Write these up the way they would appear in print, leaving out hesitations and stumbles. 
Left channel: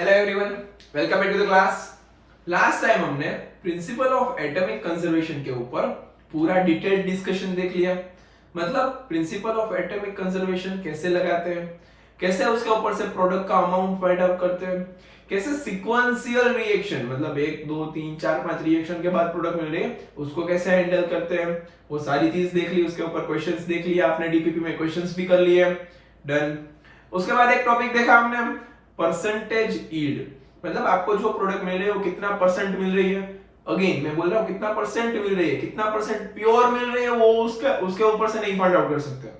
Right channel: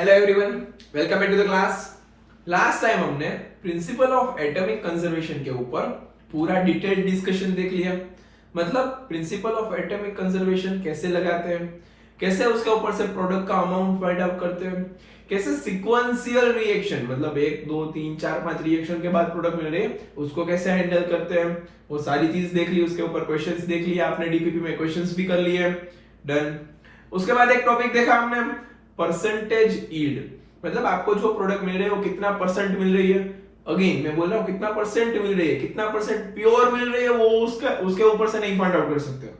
Hello everyone, welcome back to the class. Last time हमने principle of atomic conservation के ऊपर पूरा detailed discussion देख लिया। मतलब प्रिंसिपल ऑफ एटॉमिक कंजर्वेशन कैसे लगाते हैं, कैसे उसके ऊपर से प्रोडक्ट का अमाउंट फाइंड आउट करते हैं, कैसे सीक्वेंशियल रिएक्शन मतलब 1 2 3 4 5 रिएक्शन के बाद प्रोडक्ट मिल रही है उसको कैसे हैंडल करते हैं, वो सारी चीज देख ली। उसके ऊपर क्वेश्चंस देख लिया आपने, डीपीपी में क्वेश्चंस भी कर लिए। डन। उसके बाद एक टॉपिक देखा हमने परसेंटेज यील्ड, मतलब आपको जो प्रोडक्ट मिल रही है वो कितना परसेंट मिल रही है। अगेन मैं बोल रहा हूँ कितना परसेंट मिल रही है, कितना परसेंट प्योर मिल रही है, वो उसके ऊपर से नहीं फाइंड आउट कर सकते।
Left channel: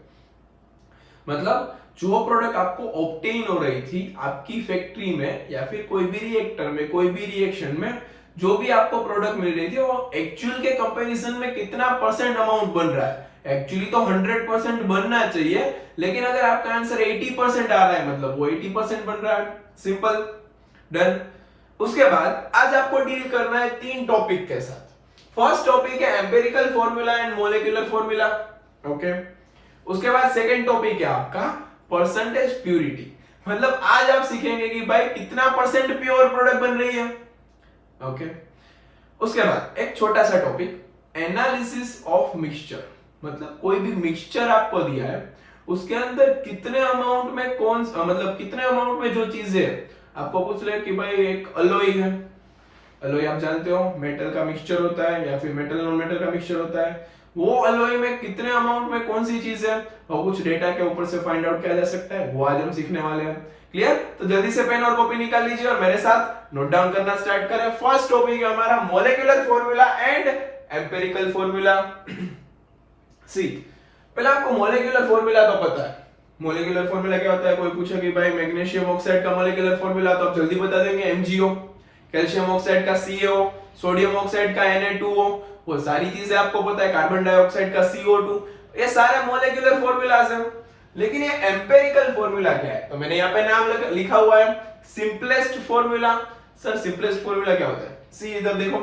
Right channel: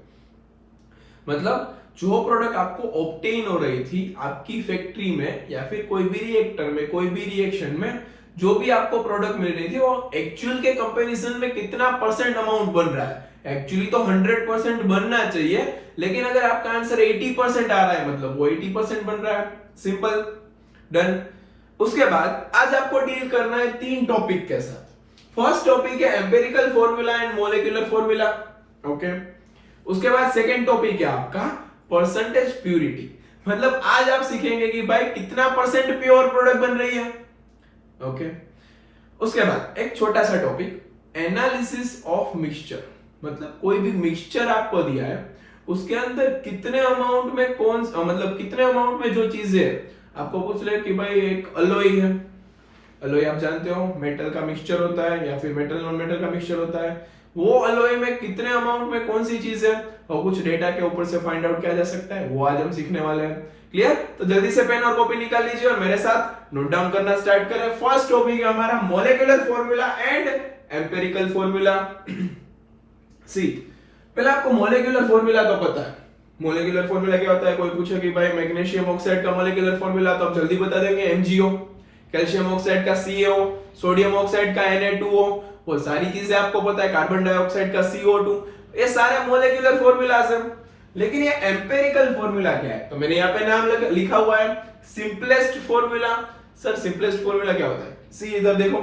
मतलब जो प्रोडक्ट आपको ऑब्टेन हो रही थी आपकी फैक्ट्री में या फिर कोई भी रिएक्टर में, कोई भी रिएक्शन में, जो भी आपको प्रोडक्ट मिल रही थी वो एक्चुअल के कंपैरिजन में कितना परसेंट अमाउंट बन रहा है। एक्चुअली तो 100% बनना चाहिए, लेकिन अगर आपका आंसर 80% आ रहा है मतलब वो 80% बन रहा है। सिंपल। डन। उसके बाद आज आपको डील करना है 3 टॉपिक के साथ। फर्स्ट टॉपिक है empirical formula and molecular formula. Okay. उसके बाद सेकंड टॉपिक है आपका परसेंटेज प्यूरिटी, मतलब आज आप सीखेंगे कि भाई कितना परसेंट प्योर प्रोडक्ट बन रही है। ओके। उसके बाद एक छोटा सा टॉपिक एनालिसिस ऑफ मिक्सचर, मतलब कोई भी मिक्सचर आपको दिया है उसके अंदर कितने अमाउंट में कौन मतलब कितने अमाउंट में जो चीजें आपको पूछ रहे कि भाई एक अलॉय है, अलॉय आप जानते हो मेटल का मिक्सचर होता है या फिर मेटल नॉन मेटल का मिक्सचर होता है, वो अलॉय में कितने अमाउंट में कौन सी चीज है और कुछ डेटा के ऊपर से फाइंड आउट किया जा सकता है, वो आज हम सीखने वाले हैं। क्लियर? तो जल्दी से पेन और कॉपी निकाल लीजिए और मेरे साथ नोट डाउन करना स्टार्ट करें। फर्स्ट टॉपिक है हमारा molecular formula and empirical formula. See, पहले आपको मोलेकुलर फॉर्मूला तो पता है। मोलेकुलर फॉर्मूला क्या होता है? कोई पूछे कि भाई मैग्नीशियम ऑक्साइड का मोलेकुलर फॉर्मूला, तो आप जल्दी बता देंगे MgO, कैल्शियम ऑक्साइड का CaO, सोडियम ऑक्साइड का Na2O, वो सारी चीजें आपको पता है। कार्बन डाइऑक्साइड का CO2, ये सारे मोलेकुलर फॉर्मूलाज हैं। लेकिन ये एम्पिरिकल फॉर्मूला क्या है? तो मैंने यहाँ पे नाम लिखा हुआ है simplest formula. Sir simplest formula क्या होता है? सी इधर देखो,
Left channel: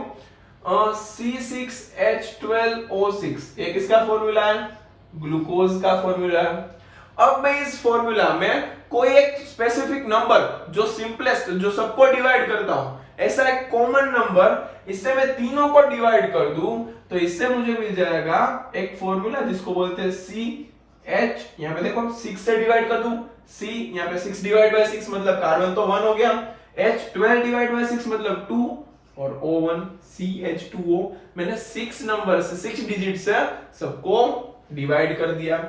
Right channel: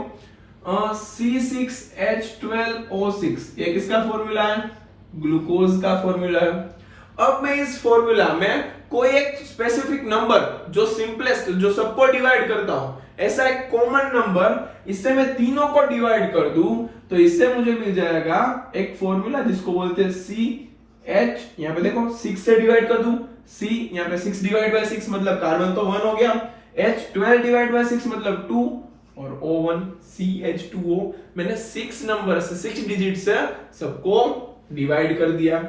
C6H12O6 ये किसका फॉर्मूला है? ग्लूकोज का फॉर्मूला है। अब मैं इस फॉर्मूला में कोई एक स्पेसिफिक नंबर जो सिंपलेस्ट, जो सबको डिवाइड करता हूं, ऐसा एक कॉमन नंबर, इससे मैं तीनों को डिवाइड कर दूं तो इससे मुझे मिल जाएगा एक फॉर्मूला जिसको बोलते हैं CH। यहां पे देखो 6 से डिवाइड कर दूं, C यहां पे 6 डिवाइड बाय 6 मतलब कार्बन तो 1 हो गया, H12 डिवाइड बाय 6 मतलब 2 और O1 CH2O। मैंने 6 नंबर से 6 डिजिट से सबको डिवाइड कर दिया।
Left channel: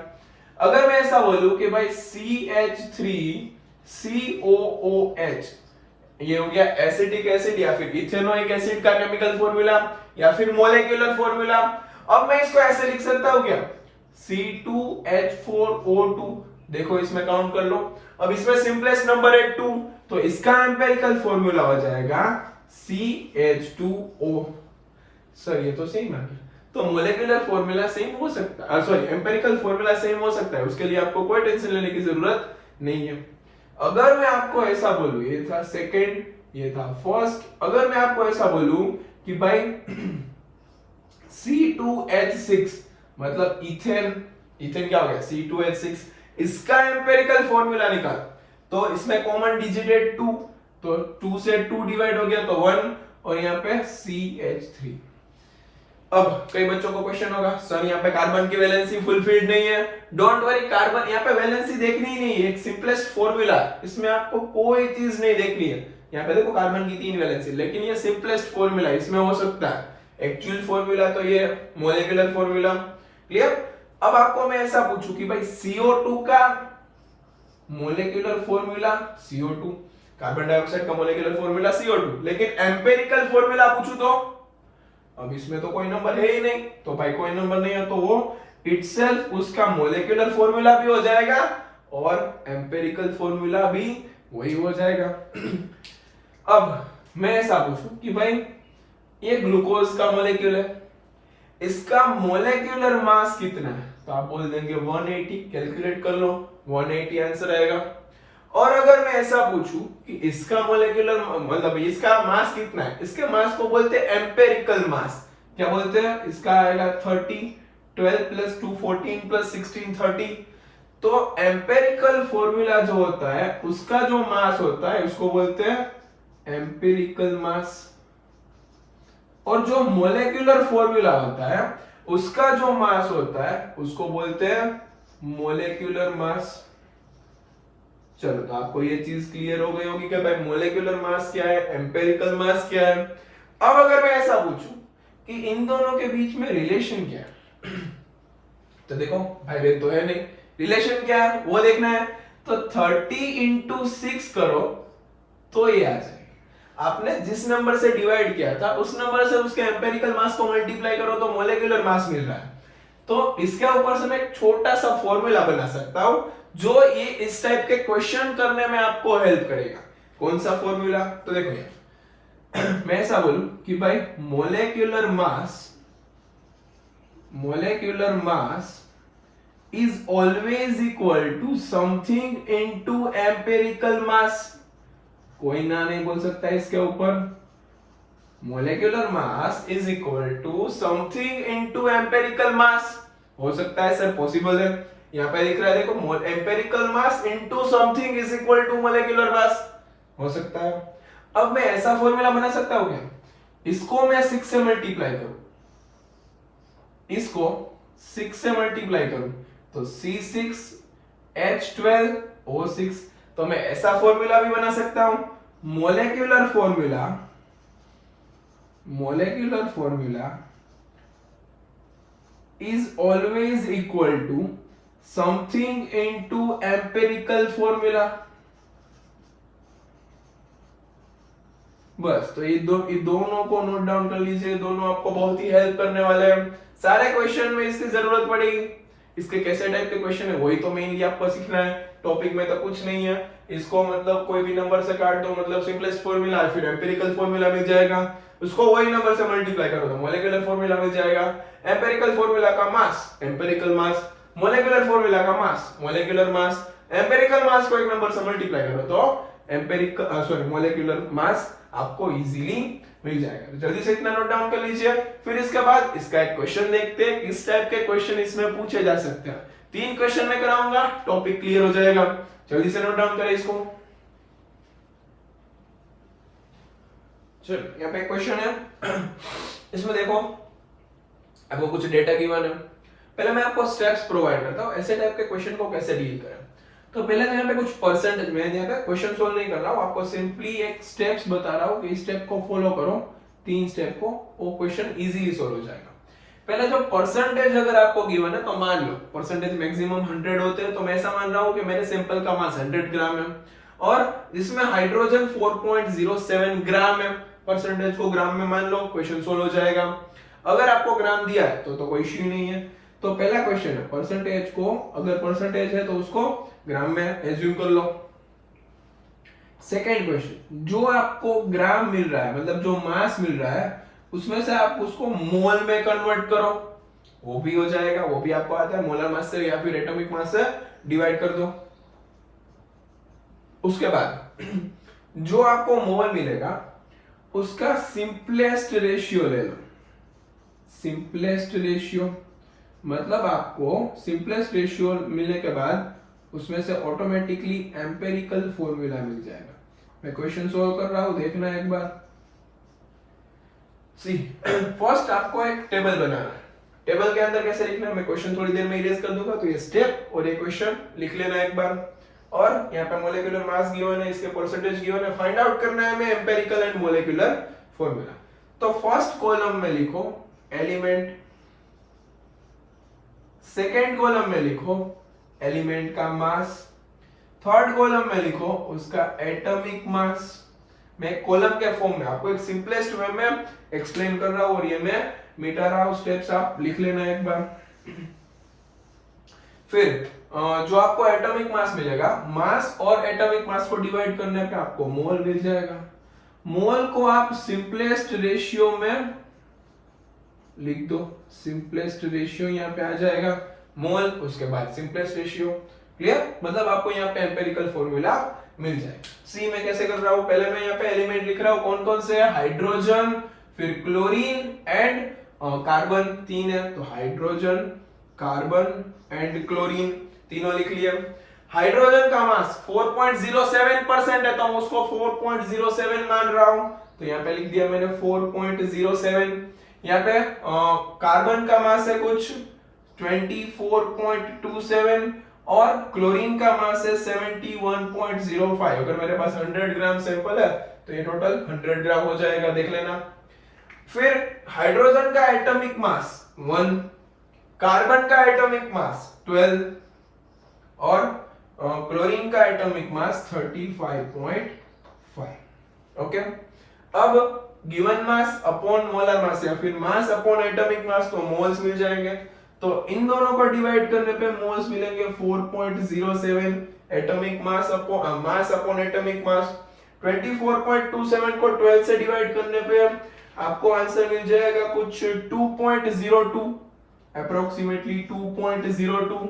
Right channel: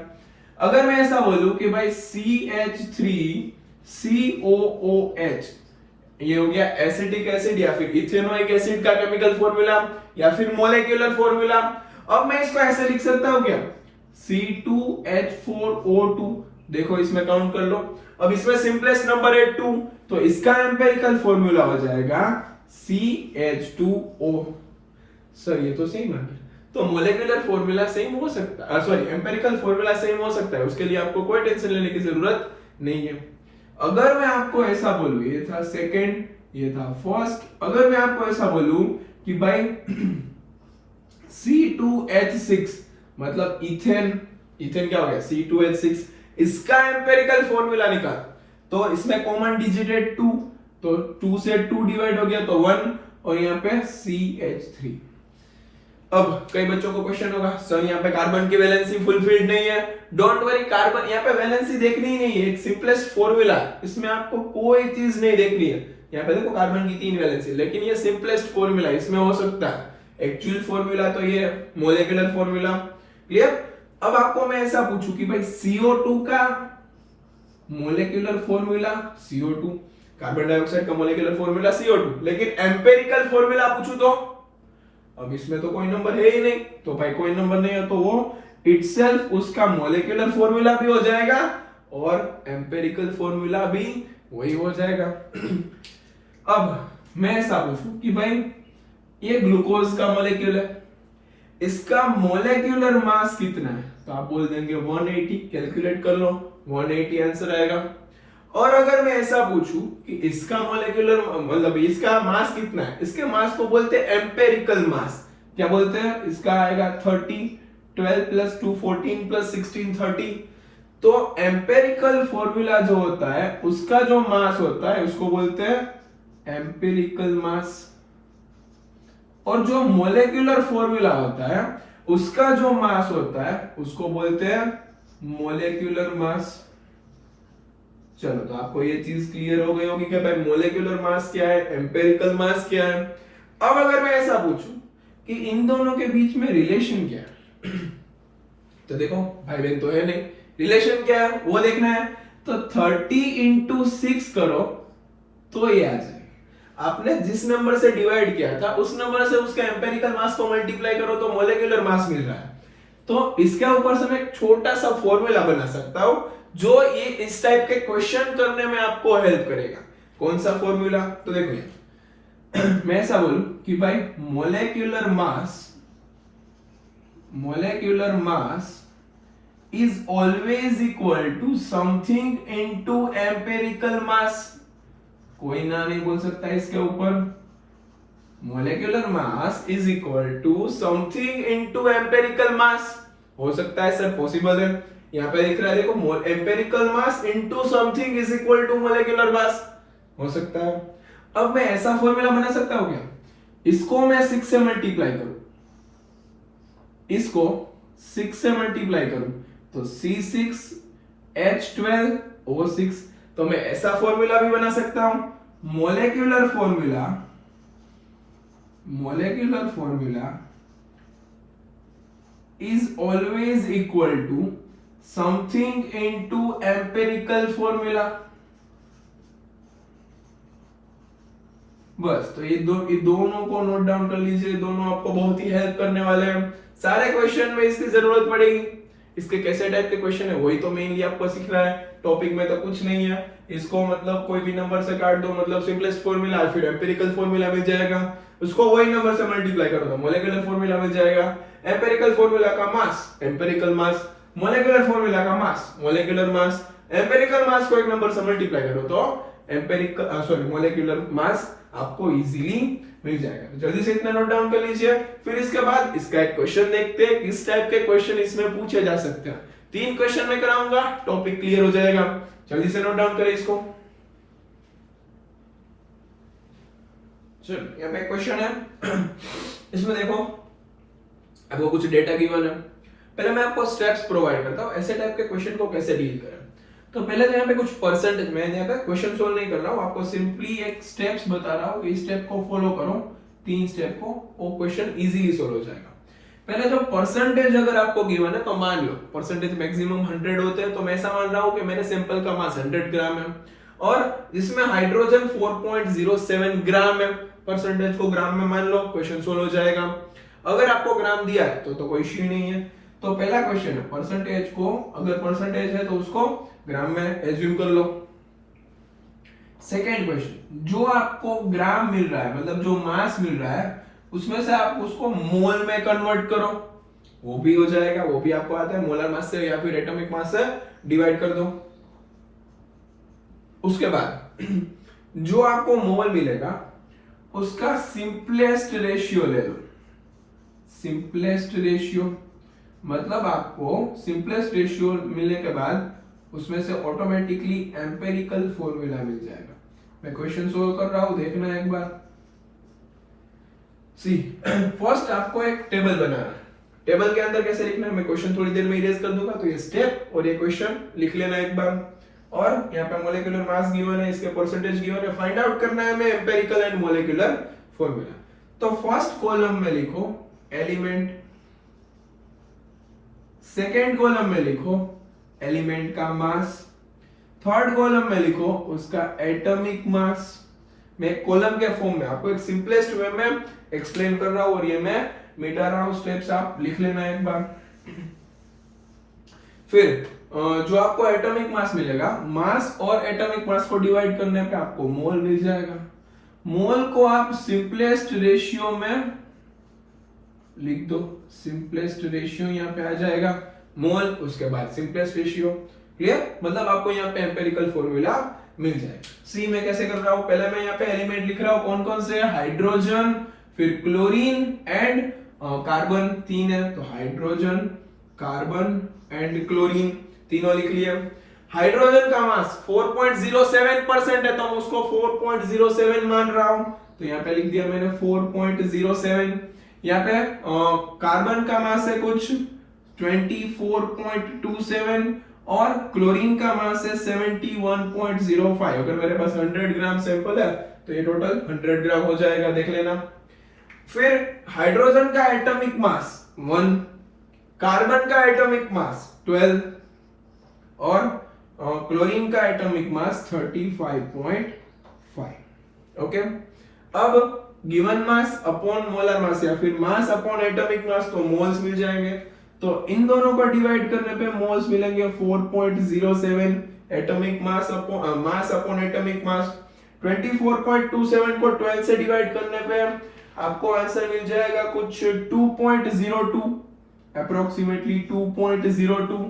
अगर मैं ऐसा बोलूं कि भाई CH3COOH ये हो गया एसिटिक एसिड या फिर इथेनोइक एसिड का केमिकल फॉर्मूला या फिर मोलेकुलर फॉर्मूला। अब मैं इसको ऐसे लिख सकता हूं क्या? C2H4O2, देखो इसमें काउंट कर लो। अब इसमें सिंपलेस्ट नंबर है 2, तो इसका एम्पिरिकल फॉर्मूला हो जाएगा CH2O। सर ये तो सही मान गया। तो मोलेकुलर फॉर्मूला सेम हो सकता है, सॉरी एम्पिरिकल फॉर्मूला सेम हो सकता है, उसके लिए आपको कोई टेंशन लेने की जरूरत नहीं है। अगर मैं आपको ऐसा बोलूं, ये था सेकंड, ये था फर्स्ट, अगर मैं आपको ऐसा बोलूं कि भाई C2H6 मतलब इथेन, इथेन क्या हो गया? C2H6, इसका एम्पिरिकल फॉर्मूला निकाल, तो इसमें कॉमन डिजिट है 2, तो 2 से 2 डिवाइड हो गया तो 1 और यहाँ पे CH3। अब कई बच्चों को क्वेश्चन होगा, सर यहाँ पे कार्बन की वैलेंसी फुलफिल्ड नहीं है। डोंट वरी, कार्बन यहाँ पे वैलेंसी देखनी ही नहीं है, एक सिंपलेस्ट फॉर्मूला, इसमें आपको कोई चीज नहीं देखनी है। यहाँ पे देखो कार्बन की 3 वैलेंसी, लेकिन ये सिंपलेस्ट फॉर्मूला, इसमें हो सकता है। एक्चुअल फॉर्मूला तो ये मोलेकुलर फॉर्मूला। क्लियर? अब आपको मैं ऐसा पूछूं कि भाई CO2 का molecular formula CO2, carbon dioxide का मोलेकुलर फॉर्मूला CO2, लेकिन एम्पिरिकल फॉर्मूला पूछूं तो अब इसमें तो कोई नंबर है ही नहीं, तो भाई कोई नंबर नहीं है तो वो इटसेल्फ उसका मोलेकुलर फॉर्मूला भी हो जाएगा और एम्पिरिकल फॉर्मूला भी वही हो जाएगा। अब मैं ऐसा पूछूं कि भाई ये ग्लूकोज का मोलेक्यूल है, इसका मोलेकुलर मास कितना है? तो आप बोल देंगे 180, कैलकुलेट कर लो, 180 आंसर आएगा। और अगर मैं ऐसा पूछूं कि इसका मोलेकुलर मतलब इसका मास कितना है, इसके मास को बोलते हैं एम्पिरिकल मास। क्या बोलते हैं? इसका आएगा 30, 12 + 2 14 + 16 30, तो एम्पेरिकल फॉर्मूला जो होता है उसका जो मास होता है उसको बोलते हैं एम्पेरिकल मास, और जो मोलेक्युलर फॉर्मूला होता है उसका जो मास होता है उसको बोलते हैं मोलेक्युलर मास। चलो, तो आपको ये चीज क्लियर हो गई होगी कि भाई मोलेक्युलर मास क्या है, एम्पेरिकल मास क्या है। अब अगर मैं ऐसा पूछूं कि इन दोनों के बीच में रिलेशन क्या है तो देखो भाई बहन तो है नहीं, रिलेशन क्या है वो देखना है। तो 30 इंटू 6 करो तो ये आ जाए। आपने जिस नंबर से डिवाइड किया था उस नंबर से उसके एम्पेरिकल मास को मल्टीप्लाई करो तो मोलेक्युलर मास मिल रहा है। तो इसके ऊपर से मैं एक छोटा सा फॉर्मूला बना सकता हूं जो ये इस टाइप के क्वेश्चन करने में आपको हेल्प करेगा। कौन सा फॉर्मूला? तो देखो ये मैं ऐसा बोलूं कि भाई molecular mass is always equal to something into empirical mass। कोई ना नहीं बोल सकता है इसके ऊपर। Molecular mass is equal to something into empirical mass. हो सकता है सर, पॉसिबल है। यहाँ पे लिख रहा है देखो, empirical mass into something is equal to molecular mass. हो सकता है। अब मैं ऐसा फॉर्मूला बना सकता हूं क्या? इसको मैं 6 से मल्टीप्लाई करूं, इसको 6 से मल्टीप्लाई करूं तो C6H12O6। तो मैं ऐसा फॉर्मूला भी बना सकता हूं। Molecular formula is always equal to something into empirical formula. बस, तो ये दोनों को नोट डाउन कर लीजिए, दोनों आपको बहुत ही हेल्प करने वाले हैं। सारे क्वेश्चन में इसकी जरूरत पड़ेगी। इसके कैसे टाइप के क्वेश्चन है वही तो मेनली आपको सीखना है। टॉपिक में तो कुछ नहीं है। इसको मतलब कोई भी नंबर से काट दो, मतलब सिंपलेस्ट फॉर्मूला, फिर एम्पिरिकल फॉर्मूला मिल जाएगा, उसको वही नंबर से मल्टीप्लाई करो तो मोलेकुलर फॉर्मूला मिल जाएगा। एम्पिरिकल फॉर्मूला का मास एम्पिरिकल मास, मोलेकुलर फॉर्मूला का मास मोलेकुलर मास, एम्पिरिकल मास को एक नंबर से मल्टीप्लाई करो तो मोलेकुलर मास आपको इजीली मिल जाएगा। जल्दी से इतना नोट डाउन कर लीजिए। फिर इसके बाद इसका एक क्वेश्चन देखते हैं, किस टाइप के क्वेश्चन इसमें पूछे जा सकते हैं। 3 क्वेश्चन में कराऊंगा, टॉपिक क्लियर हो जाएगा। जल्दी से नोट डाउन करें इसको। चलो, यहाँ पे क्वेश्चन है। इसमें देखो आपको कुछ डेटा गिवन है। पहले मैं आपको स्टेप्स प्रोवाइड करता हूँ ऐसे टाइप के क्वेश्चन को कैसे डील करें। तो पहले तो यहाँ पे कुछ परसेंटेज, मैं यहाँ पे क्वेश्चन सोल्व नहीं कर रहा हूँ, आपको सिंपली एक स्टेप्स बता रहा हूँ कि इस स्टेप को फॉलो करो, 3 स्टेप को, वो क्वेश्चन इजीली सोल्व हो जाएगा। पहले जो परसेंटेज अगर आपको गिवन है तो मान लो परसेंटेज मैक्सिमम 100 होते हैं, तो मैं ऐसा मान रहा हूँ कि मेरे सैंपल का मास 100 ग्राम है और इसमें हाइड्रोजन 4.07 ग्राम है। परसेंटेज को ग्राम में मान लो, क्वेश्चन सोल्व हो जाएगा। अगर आपको ग्राम दिया है तो कोई इश्यू नहीं है। तो पहला क्वेश्चन है परसेंटेज को, अगर परसेंटेज है तो उसको ग्राम में एज्यूम कर लो। सेकेंड क्वेश्चन, जो आपको ग्राम मिल रहा है मतलब जो मास मिल रहा है उसमें से आप उसको मोल में कन्वर्ट करो, वो भी हो जाएगा, वो भी आपको आता है। मोलर मास से या फिर एटॉमिक मास से डिवाइड कर दो। उसके बाद जो आपको मोल मिलेगा उसका सिंपलेस्ट रेशियो ले लो। सिंपलेस्ट रेशियो मतलब आपको सिंपलेस्ट रेशियो मिलने के बाद उसमें से ऑटोमेटिकली एम्पेरिकल फॉर्मूला मिल जाएगा। मैं क्वेश्चन सोल्व कर रहा हूं, देखना एक बार। सी फर्स्ट आपको एक टेबल बनाना है। टेबल के अंदर कैसे लिखना है मैं क्वेश्चन थोड़ी देर में इरेज कर दूंगा, तो ये स्टेप और ये क्वेश्चन लिख लेना एक बार। और यहाँ पे मोलेकुलर मास गिवन है, इसके परसेंटेज गिवन है, फाइंड आउट करना है हमें एम्पेरिकल एंड मोलेकुलर फॉर्मूला। तो फर्स्ट कॉलम में लिखो एलिमेंट, सेकेंड कॉलम में लिखो एलिमेंट का मास, थर्ड कॉलम में लिखो उसका एटॉमिक मास। मैं कॉलम के फॉर्म में आपको एक सिंपलेस्ट वे में एक्सप्लेन कर रहा हूं और ये मैं मिटा रहा हूं, स्टेप्स आप लिख लेना एक बार। फिर जो आपको एटॉमिक मास मिलेगा, मास और एटॉमिक मास को डिवाइड करने पे आपको मोल मिल जाएगा। मोल को आप सिंपलेस्ट रेशियो में लिख दो, सिंपलेस्ट रेशियो यहाँ पे आ जाएगा मोल, उसके बाद सिंपलेस्ट रेशियो। क्लियर? मतलब आपको यहाँ पे एम्पेरिकल फॉर्मूला मिल जाएगा। सी में कैसे कर रहा हूं, पहले मैं यहाँ पे एलिमेंट लिख रहा हूं, कौन कौन से है, हाइड्रोजन, फिर क्लोरीन एंड कार्बन, 3 है तो हाइड्रोजन, कार्बन एंड क्लोरीन। तीनों लिख लिया। हाइड्रोजन का मास 4.07% है तो मैं उसको 4.07 मान रहा हूं, तो यहाँ पे लिख दिया मैंने 4.07। यहाँ पे कार्बन का मास है कुछ 24.27 और क्लोरीन का मास है 71.05। अगर मेरे पास 100 ग्राम सैंपल है तो ये टोटल 100 ग्राम हो जाएगा, देख लेना। फिर हाइड्रोजन का एटॉमिक मास 1, कार्बन का एटॉमिक मास 12 और क्लोरीन का एटॉमिक मास 35.5। ओके, अब given mass upon molar mass या फिर मास अपॉन एटॉमिक मास को मोल्स मिल जाएंगे, तो इन दोनों को डिवाइड करने पे मोल्स मिलेंगे 4.07 एटॉमिक मास अपॉन एटॉमिक मास। 24.27 को 12 से डिवाइड करने पे आपको आंसर मिल जाएगा कुछ 2.02, अप्रोक्सीमेटली 2.02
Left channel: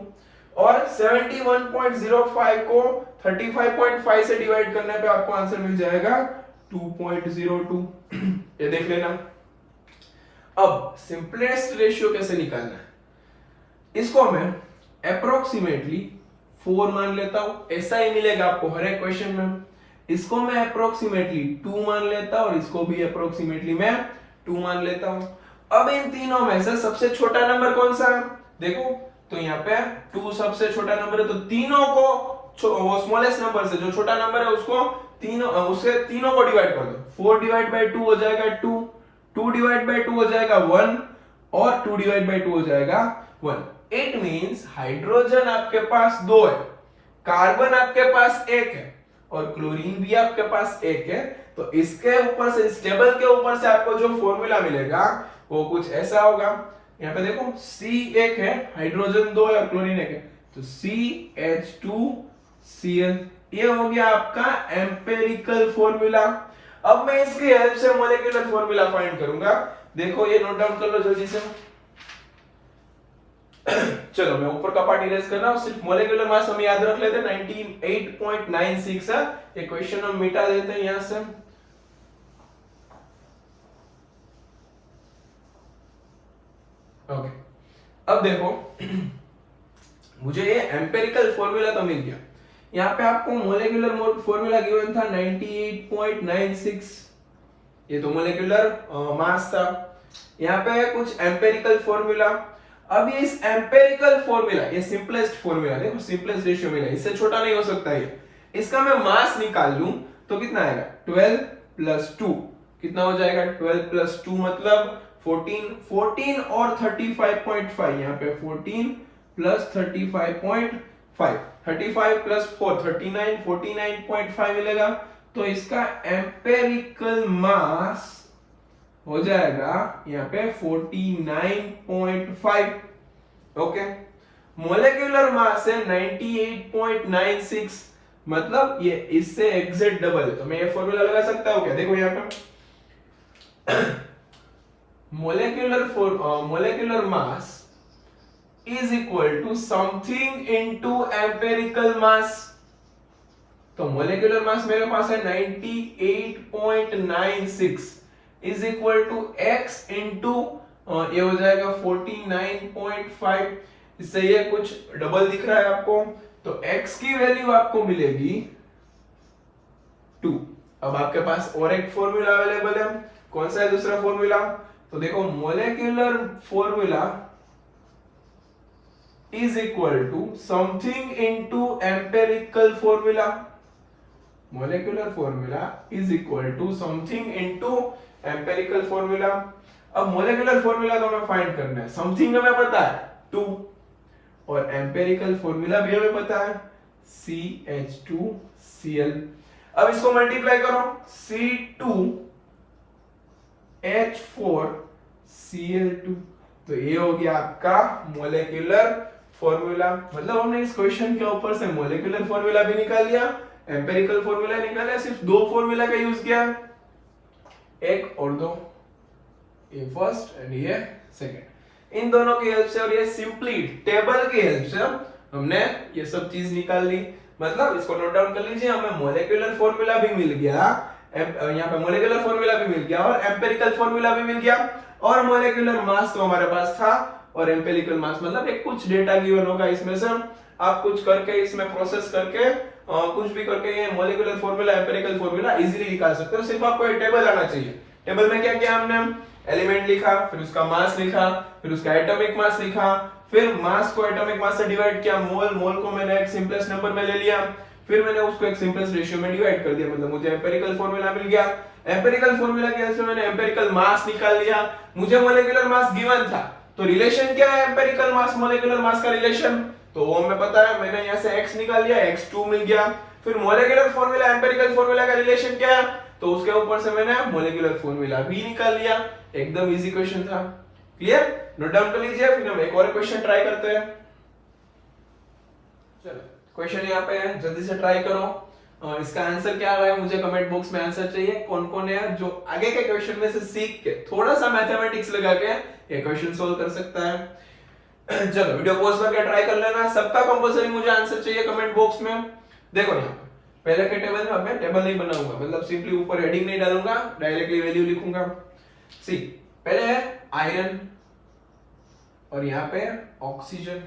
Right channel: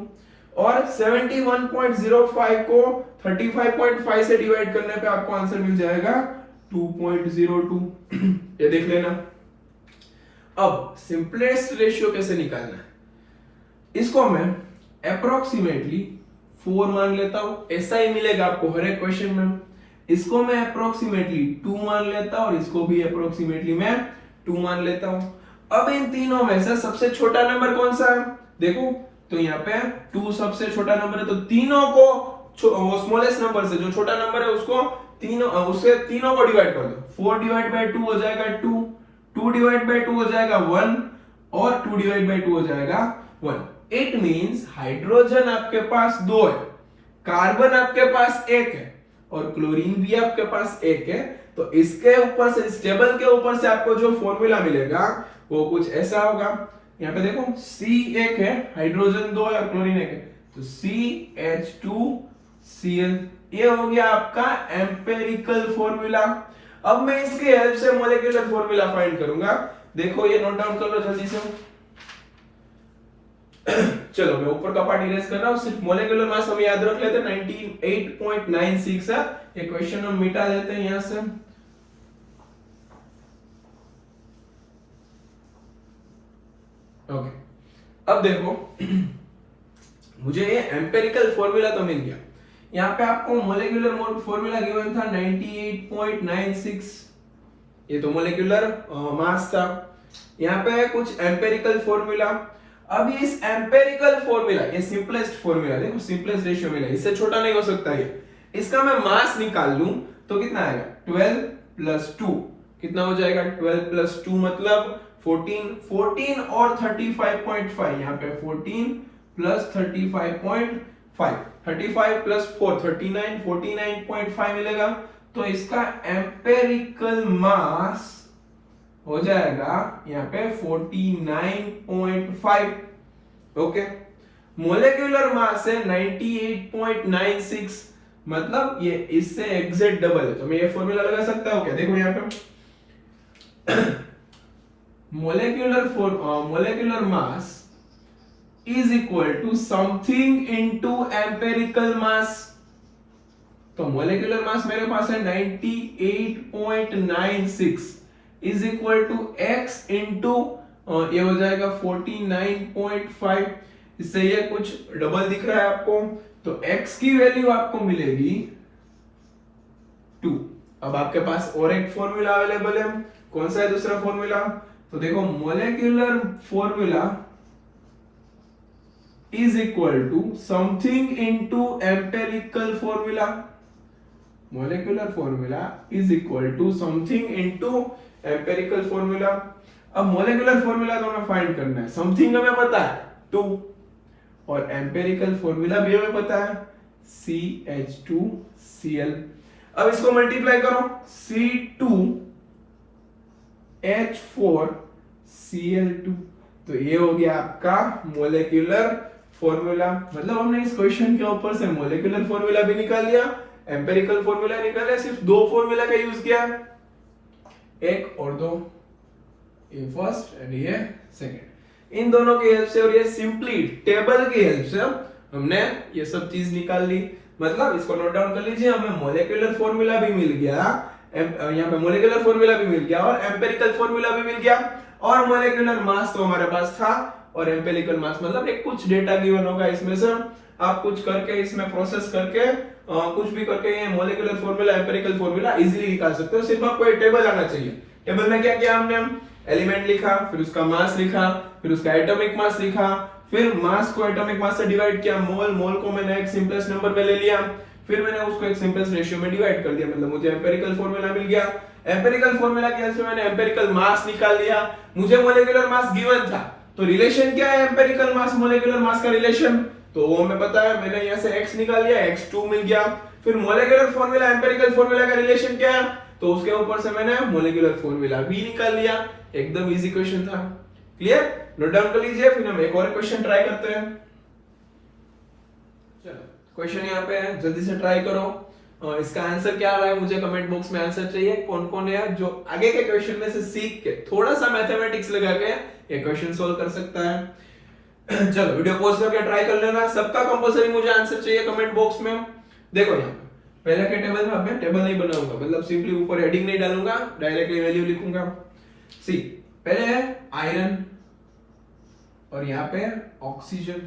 और 71.05 को 35.5 से डिवाइड करने पे आपको आंसर मिल जाएगा 2.02। ये देख लेना। अब सिंपलेस्ट रेशियो कैसे निकालना है, इसको मैं अप्रोक्सीमेटली 4 मान लेता हूं, ऐसा ही मिलेगा आपको हर एक क्वेश्चन में। इसको मैं अप्रोक्सीमेटली 2 मान लेता हूं और इसको भी अप्रोक्सीमेटली मैं 2 मान लेता हूं। अब इन तीनों में से सबसे छोटा नंबर कौन सा है, देखो तो यहाँ पे 2 सबसे छोटा नंबर है, तो तीनों को वो स्मॉलेस्ट नंबर से जो छोटा नंबर है उसको तीनों को डिवाइड कर दो। 4 डिवाइड बाय 2 हो जाएगा 2, 2 डिवाइड बाय 2 हो जाएगा 1 और 2 डिवाइड बाय 2 हो जाएगा 1। इट मींस हाइड्रोजन आपके पास 2 है, कार्बन आपके पास 1 है और क्लोरीन भी आपके पास 1 है। तो इसके ऊपर से, इस टेबल के ऊपर से आपको जो फॉर्मूला मिलेगा वो कुछ ऐसा होगा। यहाँ पे देखो C1 है, हाइड्रोजन 2 है और क्लोरीन 1 है, तो CH2Cl, ये हो गया आपका एम्पिरिकल फॉर्मूला। अब मैं इसकी हेल्प से मॉलिक्यूलर फॉर्मूला फाइंड करूंगा। देखो ये नोट डाउन कर लो जल्दी से। चलो मैं ऊपर का पार्ट इरेज कर रहा हूं, सिर्फ मॉलिक्यूलर मास हम याद रख लेते हैं 98.96 है। ये क्वेश्चन हम मिटा देते हैं यहां से। ओके, अब देखो मुझे ये एम्पिरिकल फॉर्मूला तो मिल गया। यहाँ पे आपको मोलेकुलर फॉर्मूला गिवन था 98.96, ये तो मोलेकुलर मास था। यहाँ पे है कुछ एम्पिरिकल फॉर्मूला। अब ये इस एम्पिरिकल फॉर्मूला, ये सिंपलेस्ट फॉर्मूला, देखो सिंपलेस्ट रेशियो मिला, इससे छोटा नहीं हो सकता ये। इसका मैं मास निकाल लूं तो कितना आएगा 12 प्लस 2, कितना हो जाएगा 12 प्लस 2 मतलब 14, 14 और 35.5, यहाँ पे 14 प्लस 35.5, 35 प्लस 4 39, 49.5 मिलेगा। तो इसका एम्पिरिकल मास हो जाएगा यहाँ पे 49.5। ओके, मोलेकुलर मास है 98.96, मतलब ये इससे एग्जैक्ट डबल है। तो मैं ये फॉर्मूला लगा सकता हूँ क्या, देखो यहाँ पे molecular mass is equal to something into empirical mass. तो मोलेकुलर मास मेरे पास है 98.96 is equal to x into ये हो जाएगा 49.5। इससे ये कुछ डबल दिख रहा है आपको, तो x की वैल्यू आपको मिलेगी 2। अब आपके पास और एक फॉर्मूला अवेलेबल है, कौन सा है दूसरा फॉर्मूला, तो देखो molecular formula is equal to something into empirical formula. Molecular formula is equal to something into empirical formula. अब मोलेकुलर फॉर्मूला तो हमें फाइंड करना है, समथिंग हमें पता है 2 और एम्पिरिकल फॉर्मूला भी हमें पता है CH2Cl। अब इसको मल्टीप्लाई करो, C2H4Cl2, तो ये हो गया आपका मोलेकुलर फॉर्मूला। मतलब हमने इस क्वेश्चन के ऊपर से मोलेकुलर फॉर्मूला भी निकाल लिया, एम्पिरिकल फॉर्मूला निकाल लिया, सिर्फ 2 फॉर्मूला का यूज किया, 1 और 2, ये फर्स्ट एंड ये सेकंड। इन दोनों की हेल्प से और ये सिंपली टेबल की हेल्प से हमने ये सब चीज निकाल ली। मतलब इसको नोट डाउन कर लीजिए, हमें मोलेकुलर फॉर्मूला भी मिल गया, यहाँ पे मोलेकुलर फॉर्मूला भी मिल गया और एम्पिरिकल फॉर्मूला भी मिल गया, और मोलेकुलर मास तो हमारे पास था और एम्पिरिकल मास, मतलब एक कुछ डेटा गिवन होगा इसमें से आप कुछ करके इसमें प्रोसेस करके कुछ भी करके ये molecular formula empirical formula easily निकाल सकते हो। सिर्फ आपको एक टेबल आना चाहिए। टेबल में क्या किया हमने, एलिमेंट लिखा, फिर उसका मास लिखा, फिर उसका एटॉमिक मास लिखा, फिर मास को एटॉमिक मास से डिवाइड किया, मोल, मोल को मैंने एक सिंपलेस्ट नंबर में ले लिया, फिर मैंने उसको एक सिंपलेस्ट रेशियो में डिवाइड कर दिया, मतलब मुझे एम्पिरिकल फॉर्मूला मिल गया। एम्पिरिकल फॉर्मूला की हेल्प से मैंने एम्पिरिकल मास निकाल लिया, मुझे मॉलिक्यूलर मास गिवन था, तो रिलेशन क्या है एम्पिरिकल मास मॉलिक्यूलर मास का रिलेशन, तो वो हमें पता है, मैंने यहाँ से x निकाल लिया, x2 मिल गया। फिर मॉलिक्यूलर फॉर्मूला एम्पिरिकल फॉर्मूला का रिलेशन क्या है, तो उसके ऊपर से मैंने मॉलिक्यूलर फॉर्मूला भी निकाल लिया। एकदम इजी क्वेश्चन था। क्लियर, नोट डाउन कर लीजिए, फिर हम एक और क्वेश्चन ट्राई करते हैं। चलो क्वेश्चन यहाँ पे है, जल्दी से ट्राई करो। इसका आंसर क्या आ रहा है मुझे कमेंट बॉक्स में आंसर चाहिए। कौन कौन है जो आगे के क्वेश्चन में से सीख के थोड़ा सा मैथमेटिक्स लगा के ये क्वेश्चन सोल्व कर सकता है। चलो वीडियो पॉज करके ट्राई कर लेना। सबका कंपलसरी मुझे आंसर चाहिए कमेंट बॉक्स में। देखो यहाँ पहले के टेबल में मैं टेबल नहीं बनाऊंगा, मतलब सिंपली ऊपर हेडिंग नहीं डालूंगा, डायरेक्टली वैल्यू लिखूंगा। सी पहले है आयरन और यहाँ पे ऑक्सीजन।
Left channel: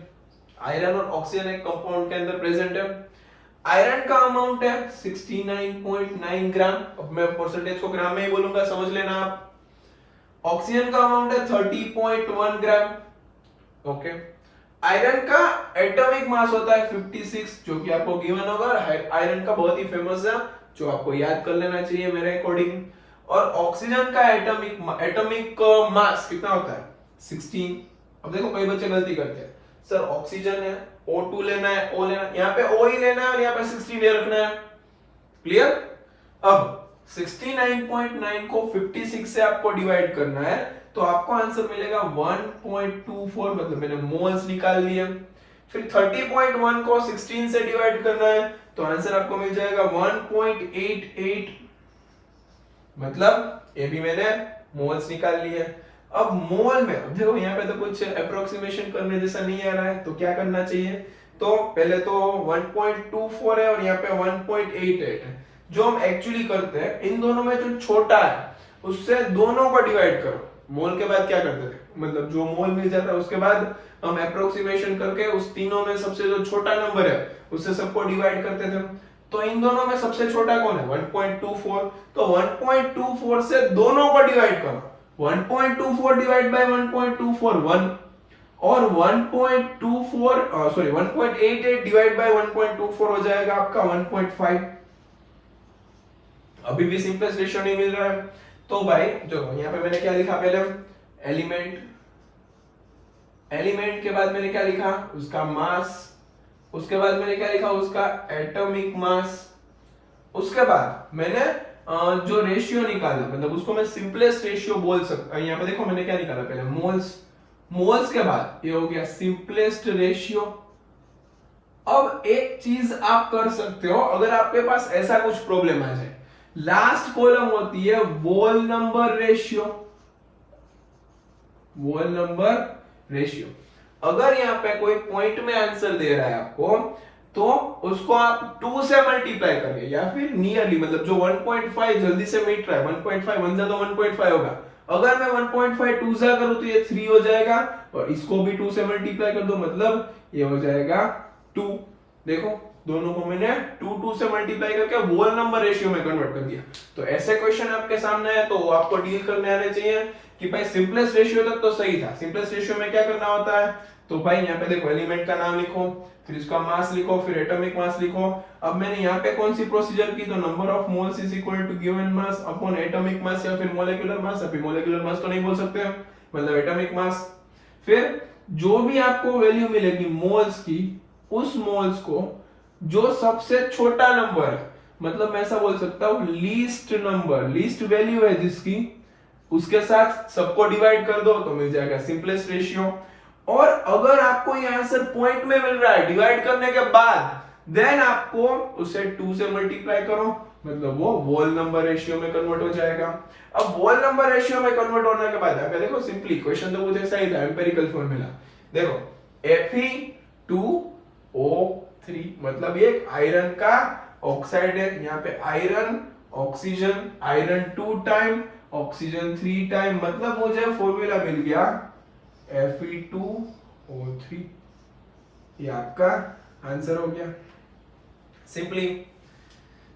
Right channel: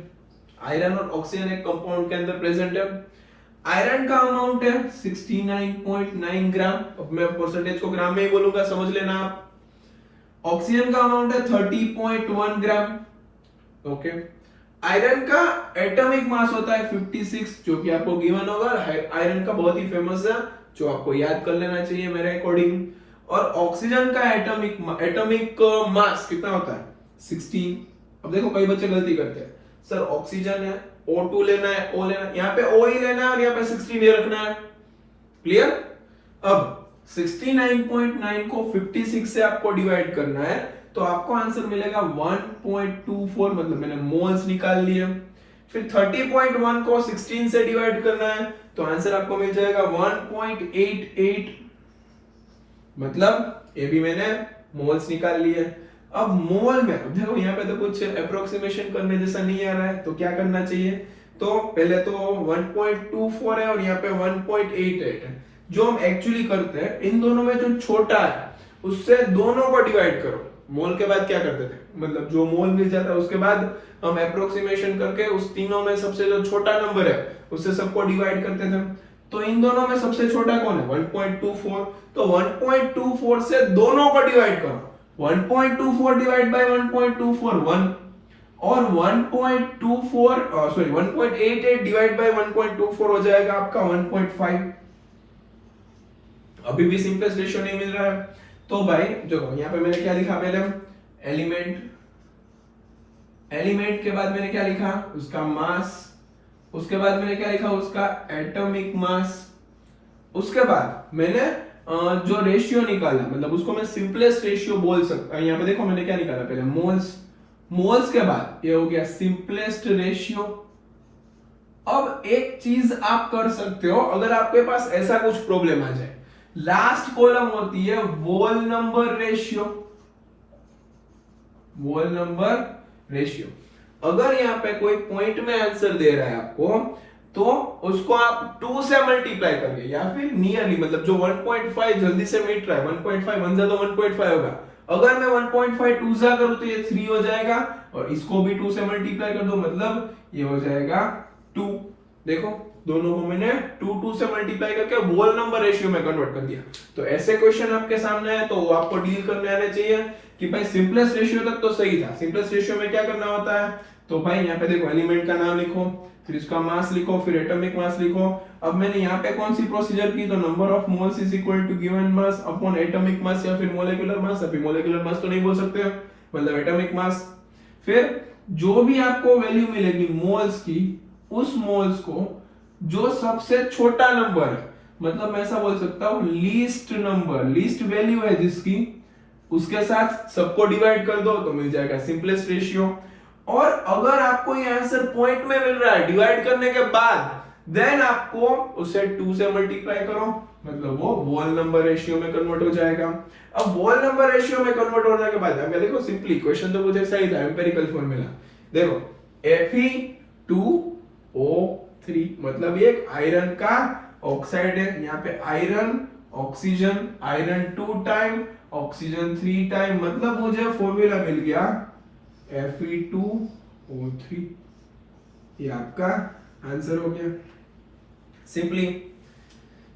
आयरन और ऑक्सीजन एक कंपाउंड के अंदर प्रेजेंट है। आयरन का अमाउंट है 69.9 ग्राम। अब मैं परसेंटेज को ग्राम में ही बोलूंगा, समझ लेना आप। ऑक्सीजन का अमाउंट है 30.1 ग्राम। ओके, आयरन का एटॉमिक मास होता है 56, जो कि आपको गिवन होगा। आयरन का बहुत ही फेमस है, जो आपको याद कर लेना चाहिए मेरे अकॉर्डिंग। और ऑक्सीजन का एटॉमिक मास कितना होता है 16। अब देखो कई बच्चे गलती करते हैं, सर ऑक्सीजन है, O2 लेना है, O लेना है, यहाँ पे O ही लेना है और यहाँ पे 16 रखना है। क्लियर, अब 69.9 को 56 से आपको डिवाइड करना है, तो आपको आंसर मिलेगा 1.24, मतलब मैंने मोल्स निकाल लिए। फिर 30.1 को 16 से डिवाइड करना है, तो आंसर आपको मिल जाएगा 1.88, मतलब ये भी मैंने मोल्स निकाल लिए। अब मोल में देखो यहाँ पे तो कुछ अप्रोक्सीमेशन करने जैसा नहीं आ रहा है, तो क्या करना चाहिए, तो पहले तो 1.24 है और यहाँ पे 1.88 है। जो हम एक्चुअली करते हैं, इन दोनों में जो छोटा है उससे दोनों को डिवाइड करो। मोल के बाद क्या करते थे, मतलब जो मोल मिल जाता है उसके बाद हम अप्रोक्सीमेशन करके उस तीनों में सबसे जो छोटा नंबर है उससे सबको डिवाइड करते थे। तो इन दोनों में सबसे छोटा कौन है 1.24, तो 1.24 से दोनों को डिवाइड करो। 1.24 डिवाइड बाय 1.24 1, और 1.88 डिवाइड बाय 1.24 हो जाएगा आपका 1.5। अभी भी सिंपलेस्ट रेशियो नहीं मिल रहा है, तो भाई जो यहाँ पे मैंने क्या लिखा, पहले एलिमेंट, एलिमेंट के बाद मैंने क्या लिखा, उसका मास, उसके बाद मैंने क्या लिखा, उसका एटॉमिक मास, उसके बाद मैंने जो रेशियो निकाला, मतलब उसको मैं सिंपलेस्ट रेशियो बोल सकता हूं। यहाँ पे देखो मैंने क्या निकाला, पहले मोल्स, मोल्स के बाद ये हो गया सिंपलेस्ट रेशियो। अब एक चीज आप कर सकते हो, अगर आपके पास ऐसा कुछ प्रॉब्लम आ जाए, लास्ट कॉलम होती है वोल नंबर रेशियो, वोल नंबर रेशियो। अगर यहाँ पे कोई पॉइंट में आंसर दे रहा है आपको, तो उसको आप 2 से मल्टीप्लाई करिए, या फिर नियरली, मतलब जो 1.5 जल्दी से मिट रहा है, 1.5 1 जा तो 1.5 होगा। अगर मैं 1.5 2 जा करूं तो ये 3 हो जाएगा, और इसको भी 2 से मल्टीप्लाई कर दो, मतलब ये हो जाएगा 2। देखो दोनों को मैंने 2 से मल्टीप्लाई करके वोल नंबर रेशियो में कन्वर्ट कर दिया। तो ऐसे क्वेश्चन आपके सामने है तो वो आपको डील करने आने चाहिए कि भाई सिंपलेस्ट रेशियो तक तो सही था, सिंपलेस्ट रेशियो में क्या करना होता है, तो भाई यहाँ पे देखो एलिमेंट का नाम लिखो, फिर इसका मास लिखो, फिर एटॉमिक मास लिखो। अब मैंने यहाँ पे कौन सी प्रोसीजर की, तो number of moles is equal to given mass upon atomic mass या फिर मोलेकुलर मास। अभी मोलेकुलर मास तो नहीं बोल सकते हैं, मतलब एटॉमिक मास। फिर जो भी आपको वैल्यू मिलेगी मोल्स की, उस मोल्स को जो सबसे छोटा नंबर है, मतलब मैं ऐसा बोल सकता हूं लीस्ट नंबर, लीस्ट वैल्यू है जिसकी, उसके साथ सबको डिवाइड कर दो तो मिल जाएगा सिंपलेस्ट रेशियो। और अगर आपको ये आंसर पॉइंट में मिल रहा है डिवाइड करने के बाद, देन आपको उसे 2 से मल्टीप्लाई करो, मतलब वो वोल नंबर रेशियो में कन्वर्ट हो जाएगा। अब वोल नंबर रेशियो में कन्वर्ट होने के बाद हमें देखो सिंपली क्वेश्चन तो मुझे सही था, एम्पिरिकल फॉर्मूला देखो Fe2O3, मतलब ये आयरन का ऑक्साइड है। यहाँ पे iron, oxygen, iron 2 time, oxygen 3 time, मतलब मुझे फॉर्मूला मिल गया Fe2O3। ये आपका आंसर हो गया सिंपली।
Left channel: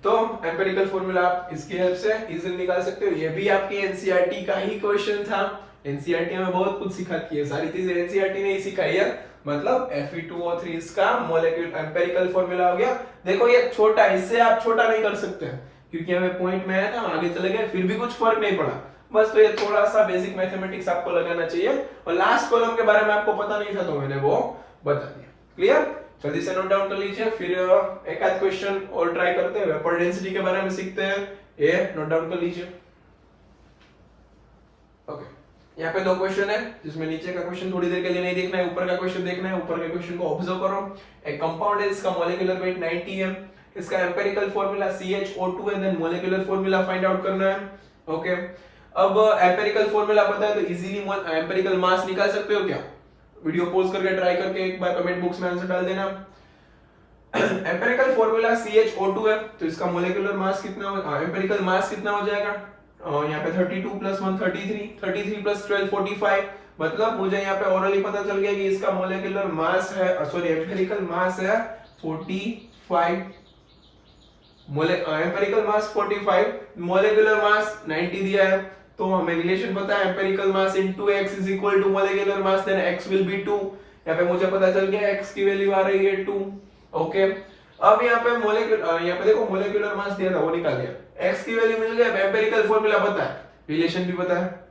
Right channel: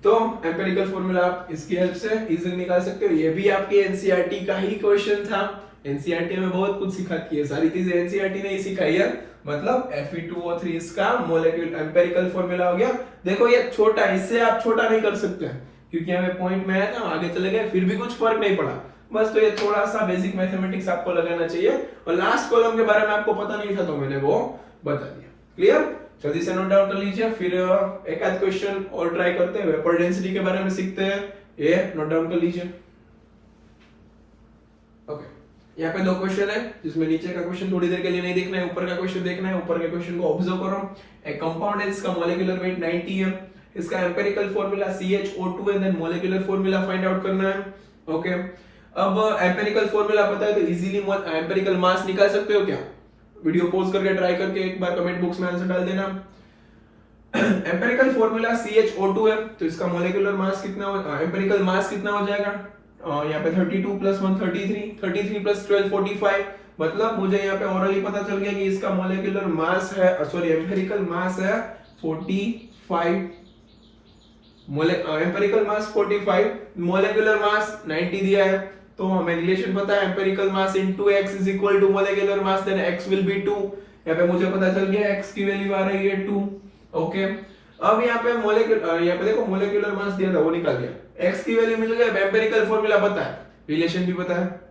तो एम्पिरिकल फॉर्मूला आप इसकी हेल्प से इजीली निकाल सकते हो। ये भी आपके एनसीईआरटी का ही क्वेश्चन था। एनसीईआरटी में बहुत कुछ सिखाती है, सारी चीजें एनसीईआरटी ने ही सिखाई है। मतलब Fe2O3 इसका मॉलिक्यूलर एम्पिरिकल फॉर्मूला हो गया। देखो ये छोटा, इससे आप छोटा नहीं कर सकते क्योंकि हमें पॉइंट में आया था, आगे चले गए, फिर भी कुछ फर्क नहीं पड़ा। बस तो ये थोड़ा सा बेसिक मैथमेटिक्स आपको लगाना चाहिए। और लास्ट कॉलम के बारे में आपको पता नहीं था तो मैंने वो बता दिया। क्लियर? जल्दी से नोट डाउन कर लीजिए, फिर एक आध क्वेश्चन और ट्राई करते हैं। वेपर डेंसिटी के बारे में सीखते हैं, ये नोट डाउन कर लीजिए। ओके, यहाँ पे 2 क्वेश्चन है जिसमें नीचे का क्वेश्चन थोड़ी देर के लिए नहीं देखना है, ऊपर का क्वेश्चन देखना है। ऊपर के क्वेश्चन को ऑब्जर्व करो। एक कंपाउंड है, इसका मॉलिक्यूलर वेट 90 है, इसका एम्पिरिकल फॉर्मूला CH O2 है, then molecular formula find out करना है। ओके, अब एम्पिरिकल फॉर्मूला पता है तो इजीली एम्पिरिकल मास निकाल सकते हो क्या? वीडियो पॉज करके ट्राई करके एक बार कमेंट बॉक्स में आंसर डाल देना। एम्पिरिकल फॉर्मूला CH O2 है तो इसका मॉलिक्यूलर मास कितना, एम्पिरिकल मास कितना हो जाएगा? यहाँ पे 32 + 1 33, 33 + 12 45। मतलब मुझे यहाँ पे ऑरली पता चल गया कि इसका मॉलिक्यूलर मास है, सॉरी एम्पिरिकल मास है 45। एम्पिरिकल मास 45, मॉलिक्यूलर मास 90 दिया है, तो हमें रिलेशन पता है empirical mass into x = molecular mass, then x will be 2। यहाँ पे मुझे पता चल गया x की वैल्यू आ रही है 2। ओके, अब यहाँ पे यहाँ पे देखो मॉलिक्यूलर मास दिया था वो निकाल गया, x की वैल्यू मिल गई। एम्पिरिकल फॉर्मूला पता है, रिलेशन भी पता है,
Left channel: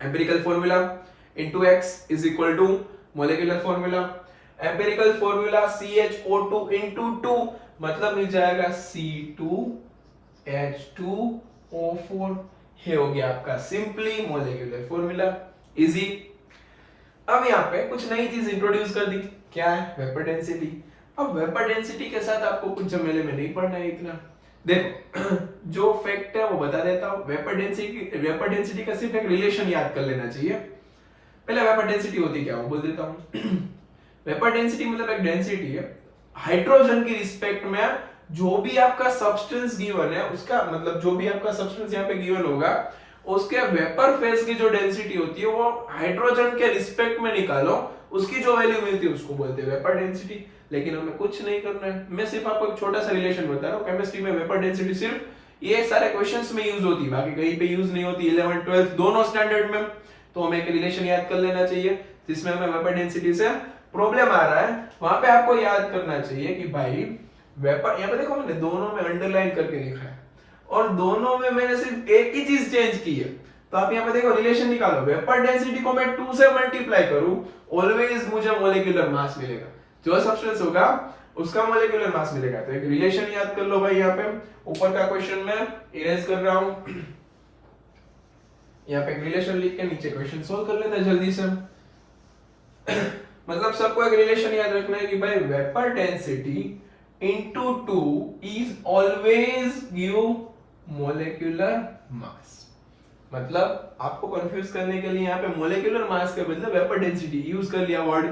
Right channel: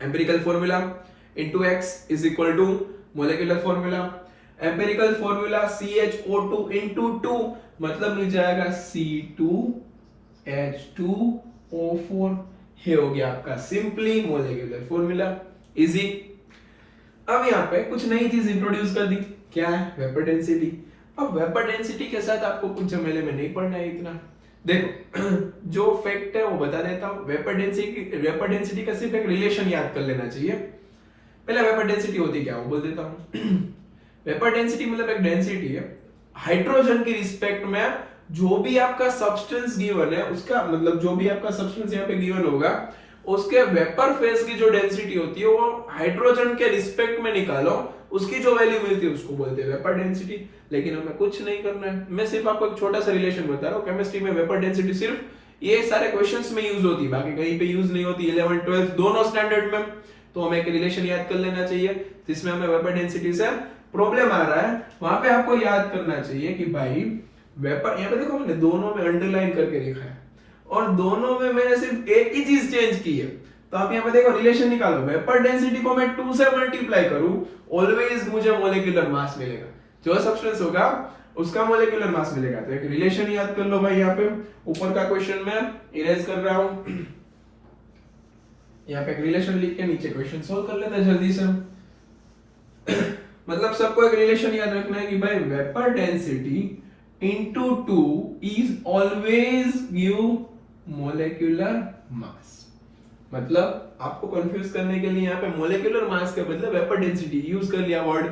empirical formula into x = molecular formula. Empirical formula CH O2 * 2 मतलब मिल जाएगा C2H2O4। ये हो गया आपका सिंपली मॉलिक्यूलर फॉर्मूला, इजी। अब यहाँ पे कुछ नई चीज इंट्रोड्यूस कर दी, क्या है? Vapour density. अब वेपर डेंसिटी के साथ आपको कुछ झमेले में नहीं पड़ना है इतना। देखो जो फैक्ट है वो बता देता हूँ। वेपर डेंसिटी का सिर्फ एक रिलेशन याद कर लेना चाहिए। पहले वेपर डेंसिटी होती क्या वो बोल देता हूँ। वेपर डेंसिटी मतलब एक डेंसिटी है हाइड्रोजन की रिस्पेक्ट में, जो भी आपका सब्सटेंस गिवन है उसका, मतलब जो भी आपका सब्सटेंस यहाँ पे गिवन होगा उसके वेपर फेज की जो डेंसिटी होती है वो हाइड्रोजन के रिस्पेक्ट में निकालो, उसकी जो वैल्यू मिलती है उसको बोलते हैं वेपर डेंसिटी। लेकिन हमें कुछ नहीं करना है, मैं सिर्फ आपको एक छोटा सा रिलेशन बता रहा हूँ। केमिस्ट्री में वेपर डेंसिटी सिर्फ ये सारे क्वेश्चंस में यूज होती है, बाकी कहीं पे यूज नहीं होती। 11th 12th दोनों स्टैंडर्ड में। तो हमें एक रिलेशन याद कर लेना चाहिए जिसमें हमें वेपर डेंसिटी से प्रॉब्लम आ रहा है, वहां पे आपको याद करना चाहिए कि भाई वेपर, यहाँ पे देखो मैंने दोनों में अंडरलाइन करके लिखा है और दोनों में मैंने सिर्फ एक ही चीज चेंज की है। तो आप यहाँ पे देखो रिलेशन निकालो, वेपर डेंसिटी को मैं 2 से मल्टीप्लाई करूं, ऑलवेज मुझे मॉलिक्यूलर मास मिलेगा। जो सब्सटेंस होगा उसका मॉलिक्यूलर मास मिलेगा। तो एक रिलेशन याद कर लो भाई। यहाँ पे ऊपर का क्वेश्चन मैं इरेज कर रहा हूं, यहाँ पे एक रिलेशन लिख के नीचे क्वेश्चन सोल्व कर लेते हैं जल्दी से। मतलब सबको एक रिलेशन याद रखना है कि भाई vapour density into 2 is always give molecular mass। मतलब आपको कंफ्यूज करने के लिए यहाँ पे मोलेकुलर मास के बदले वेपर डेंसिटी यूज कर लिया वर्ड।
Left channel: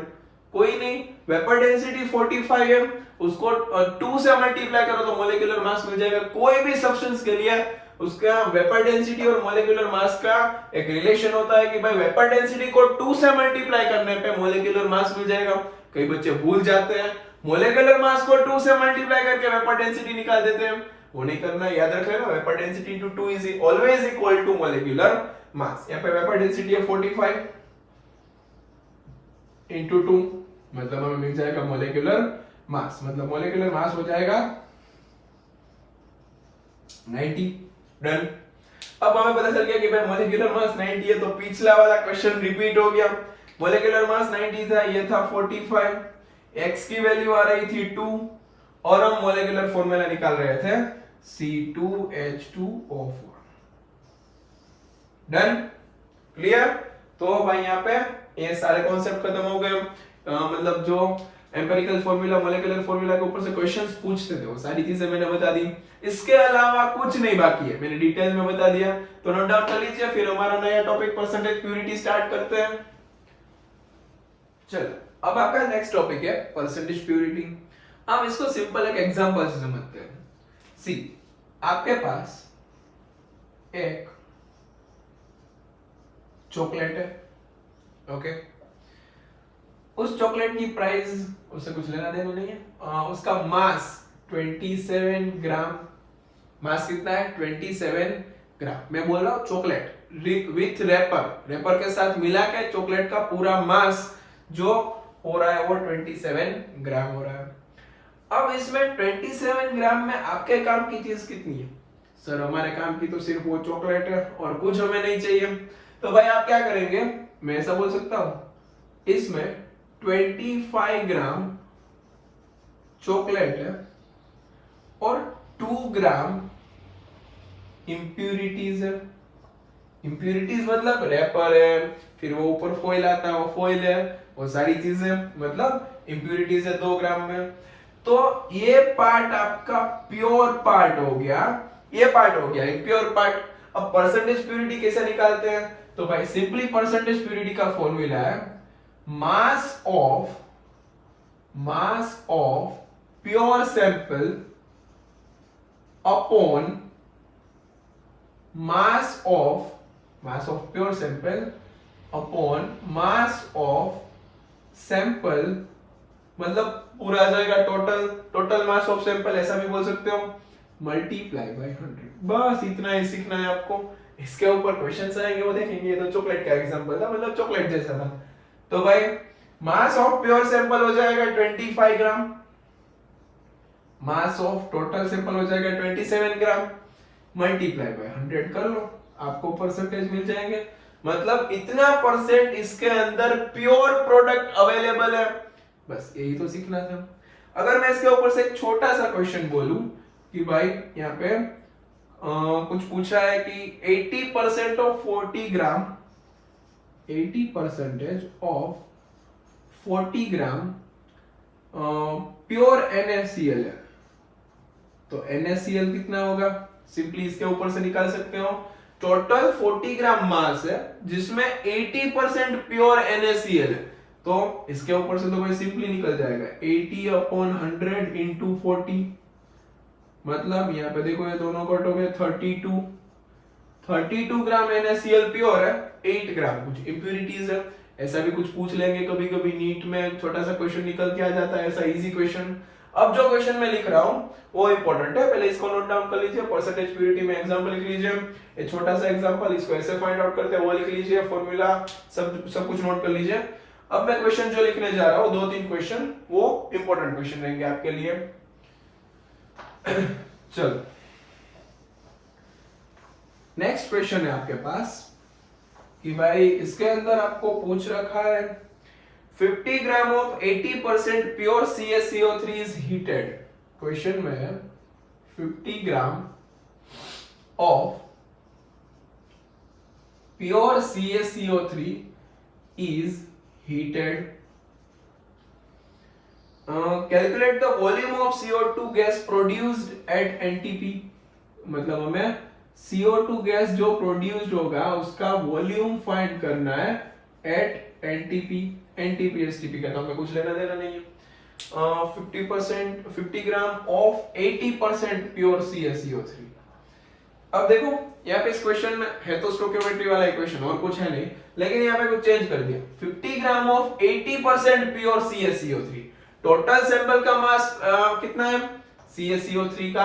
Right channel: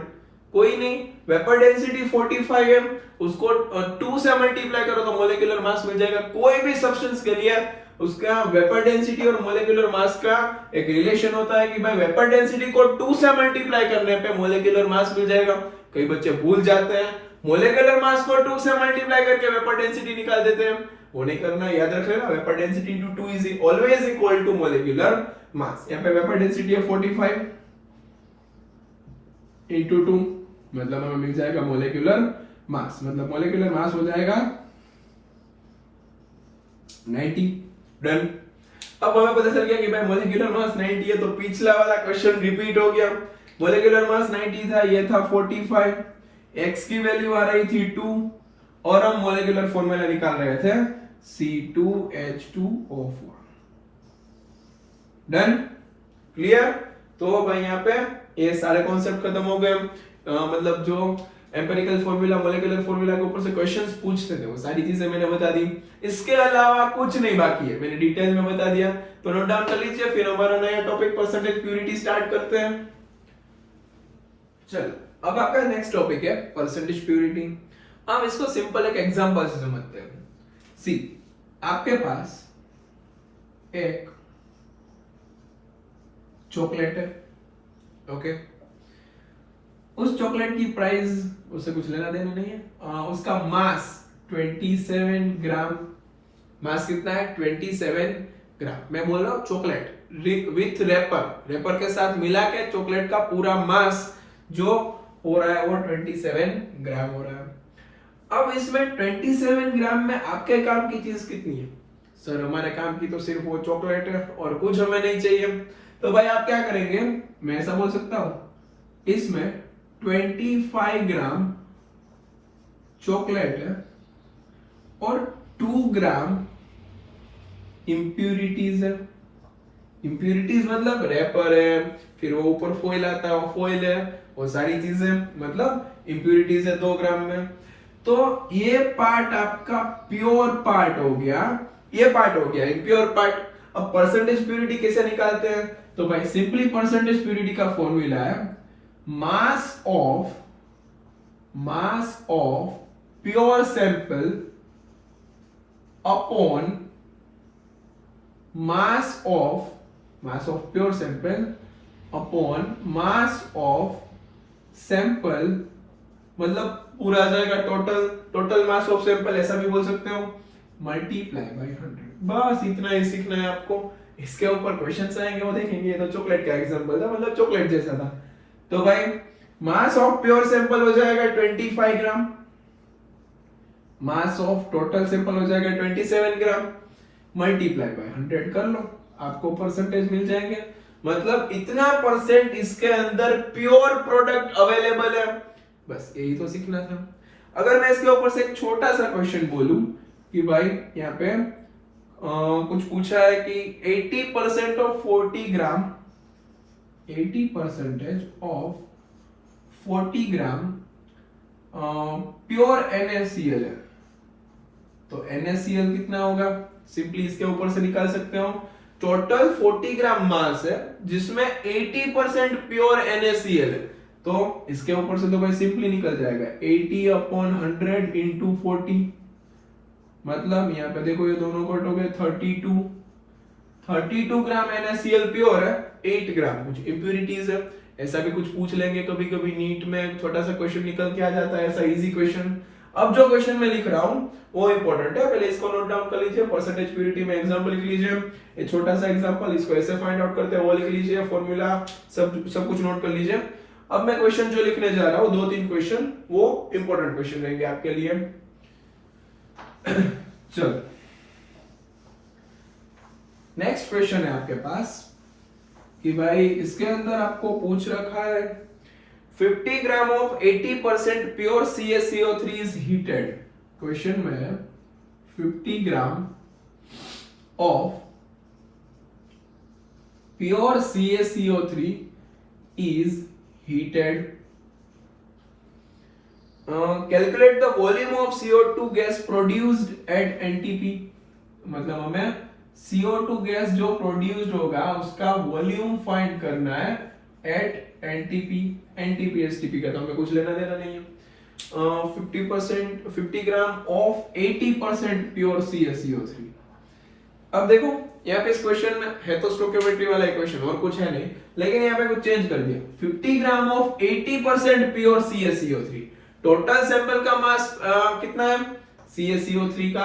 कोई नहीं, वेपर डेंसिटी 45 है, उसको 2 से मल्टीप्लाई करो तो मोलेकुलर मास मिल जाएगा। कोई भी सब्सटेंस के लिए उसका वेपर डेंसिटी और मोलेकुलर मास का एक रिलेशन होता है कि भाई वेपर डेंसिटी को 2 से मल्टीप्लाई करने पे मोलेकुलर मास मिल जाएगा। कई बच्चे भूल जाते हैं, मोलेकुलर मास को 2 से मल्टीप्लाई करके वेपर डेंसिटी निकाल देते हैं। वो नहीं करना, याद रखना vapour density * 2 is always equal to molecular mass. यहाँ पे वेपर डेंसिटी है 45 * 2, मतलब हमें मिल जाएगा मोलेकुलर मास, मतलब मोलेकुलर मास हो जाएगा 90। डन। अब हमें पता चल गया कि भाई मोलेकुलर मास 90 है, तो पिछला वाला क्वेश्चन रिपीट हो गया। मोलेकुलर मास 90 था, ये था 45, x की वैल्यू आ रही थी 2 और हम मोलेकुलर फॉर्मूला निकाल रहे थे C2H2O4। Done, clear. तो भाई यहाँ पे ये सारे कॉन्सेप्ट खत्म हो गए। मतलब जो एम्पिरिकल फॉर्मूला, मोलेकुलर फॉर्मूला के ऊपर से क्वेश्चंस पूछते थे वो सारी चीजें मैंने बता दी। इसके अलावा कुछ नहीं बाकी है, मैंने डिटेल में बता दिया। तो नोट डाउन कर लीजिए, फिर हमारा नया टॉपिक परसेंटेज प्यूरिटी स्टार्ट करते हैं। चलो, अब आपका नेक्स्ट टॉपिक है परसेंटेज प्यूरिटी। हम इसको सिंपल एक एग्जांपल से समझते हैं। सी, आपके पास एक चॉकलेट है, ओके। उस चॉकलेट की प्राइस उससे कुछ लेना देना नहीं है। उसका मास 27 ग्राम, मास कितना है 27 ग्राम। मैं बोल रहा हूँ चॉकलेट विथ रेपर के साथ मिला के चॉकलेट का पूरा मास जो हो रहा है वो 27 ग्राम हो रहा है। अब इसमें 27 ग्राम में आपके काम की चीज कितनी है? सर हमारे काम की तो सिर्फ वो चॉकलेट है और कुछ हमें नहीं चाहिए। तो भाई आप क्या करेंगे, मैं ऐसा बोल सकता हूं इसमें 25 ग्राम चॉकलेट है और 2 ग्राम इंप्यूरिटीज है। इंप्यूरिटीज मतलब रेपर है, फिर वो ऊपर फॉइल आता है, वो फॉइल है, वो सारी चीजें मतलब इंप्यूरिटीज है 2 ग्राम में। तो ये पार्ट आपका प्योर पार्ट हो गया, ये पार्ट हो गया इम्प्योर पार्ट। अब परसेंटेज प्यूरिटी कैसे निकालते हैं? तो भाई सिंपली परसेंटेज प्यूरिटी का फॉर्मूला है mass of pure sample upon mass of pure sample upon mass of sample, मतलब पूरा आ जाएगा टोटल मास ऑफ सैंपल, ऐसा भी बोल सकते हो, मल्टीप्लाई बाय 100। बस इतना ही सीखना है आपको। इसके ऊपर क्वेश्चंस आएंगे वो देखेंगे। ये तो चॉकलेट का एग्जांपल था, मतलब चॉकलेट जैसा था। तो भाई मास ऑफ प्योर सैंपल हो जाएगा 25 ग्राम, मास ऑफ टोटल सैंपल हो जाएगा 27 ग्राम, मल्टीप्लाई बाय 100 कर लो, आपको परसेंटेज मिल जाएंगे। मतलब इतना परसेंट इसके अंदर प्योर प्रोडक्ट अवेलेबल है। बस यही तो सीखना था। अगर मैं इसके ऊपर से एक छोटा सा क्वेश्चन बोलूं कि भाई यहाँ पे कुछ पूछा है कि 80% of 40 gram 80% of 40 gram pure NaCl है, तो NaCl कितना होगा? सिंपली इसके ऊपर से निकाल सकते हो। टोटल 40 ग्राम मास है जिसमें 80% प्योर NaCl है, तो इसके ऊपर से तो भाई सिंपली निकल जाएगा 80/100 इंटू 40, मतलब यहाँ पे देखो ये दोनों कट हो गए 32 ग्राम NaCl प्योर है, 8 ग्राम कुछ इंप्यूरिटीज है। ऐसा भी कुछ पूछ लेंगे कभी कभी नीट में, छोटा सा क्वेश्चन निकल के आ जाता है ऐसा इजी क्वेश्चन। अब जो क्वेश्चन मैं लिख रहा हूं वो इंपॉर्टेंट है, पहले इसको नोट डाउन कर लीजिए। परसेंटेज प्यूरिटी में एग्जांपल लिख लीजिए, ये छोटा सा एग्जांपल, इसको ऐसे फाइंड आउट करते हैं वो लिख लीजिए, फॉर्मूला सब कुछ नोट कर लीजिए। अब मैं क्वेश्चन जो लिखने जा रहा हूं 2-3 क्वेश्चन वो इंपॉर्टेंट क्वेश्चन रहेंगे आपके लिए। चलो नेक्स्ट क्वेश्चन है आपके पास कि भाई इसके अंदर आपको पूछ रखा है 50 gram of 80% pure CaCO3 is heated. Question में है 50 gram of pure CaCO3 is heated. Calculate the volume of CO2 gas produced at NTP। मतलब हमें CO2 गैस जो प्रोड्यूस्ड होगा उसका वॉल्यूम फाइंड करना है एट NTP STP का, तो हमें कुछ लेना देना नहीं है। 50 ग्राम ऑफ 80% प्योर CaCO3। अब देखो यहाँ पे इस क्वेश्चन में है तो स्टोइकियोमेट्री वाला इक्वेशन और कुछ है नहीं, लेकिन यहाँ पे कुछ चेंज कर दिया। 50 gram of 80% pure CaCO3, total sample का मास कितना है CaCO3 का?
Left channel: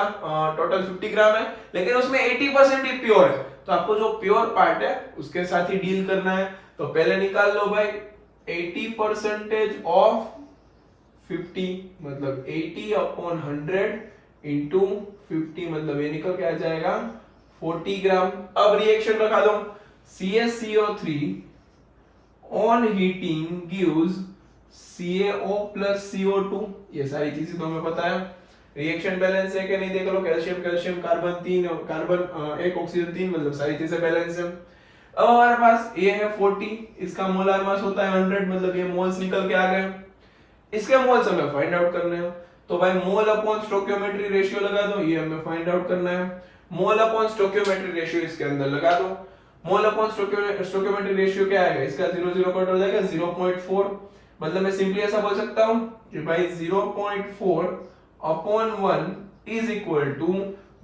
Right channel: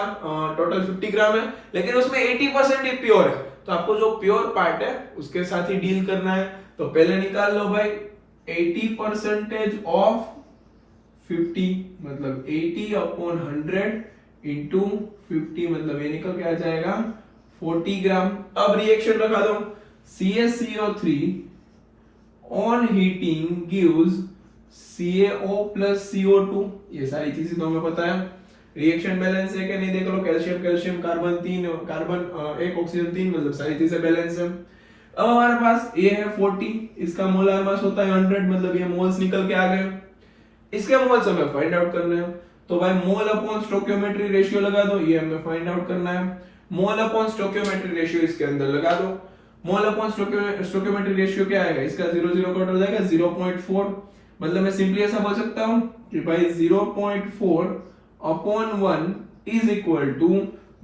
टोटल 50 ग्राम है, लेकिन उसमें 80% ही प्योर है, तो आपको जो प्योर पार्ट है उसके साथ ही डील करना है। तो पहले निकाल लो भाई 80% ऑफ 50, मतलब 80/100 इंटू 50, मतलब ये निकल के आ जाएगा 40 ग्राम। अब रिएक्शन रखा दो, CaCO3 on heating gives CaO plus CO2, ये सारी चीजें तो हमें पता है। रिएक्शन बैलेंस है कि नहीं देख लो, कैल्शियम कार्बन 3 कार्बन 1 ऑक्सीजन 3, मतलब सारी चीजें बैलेंस है। अब हमारे पास ये है 40, इसका मोलर मास होता है 100, मतलब ये मोल्स निकल के आ गए। इसके मोल्स हमें फाइंड आउट करने हैं, तो भाई मोल अपॉन स्टोइकियोमेट्री रेशियो लगा दो, ये हमें फाइंड आउट करना है। मोल अपॉन स्टोइकियोमेट्री रेशियो इसके अंदर लगा दो। मोल अपॉन स्टोइकियोमेट्री रेशियो क्या आएगा? इसका 0 कट हो जाएगा 0.4, मतलब मैं सिंपली ऐसा बोल सकता हूं कि भाई 0.4/1 is equal two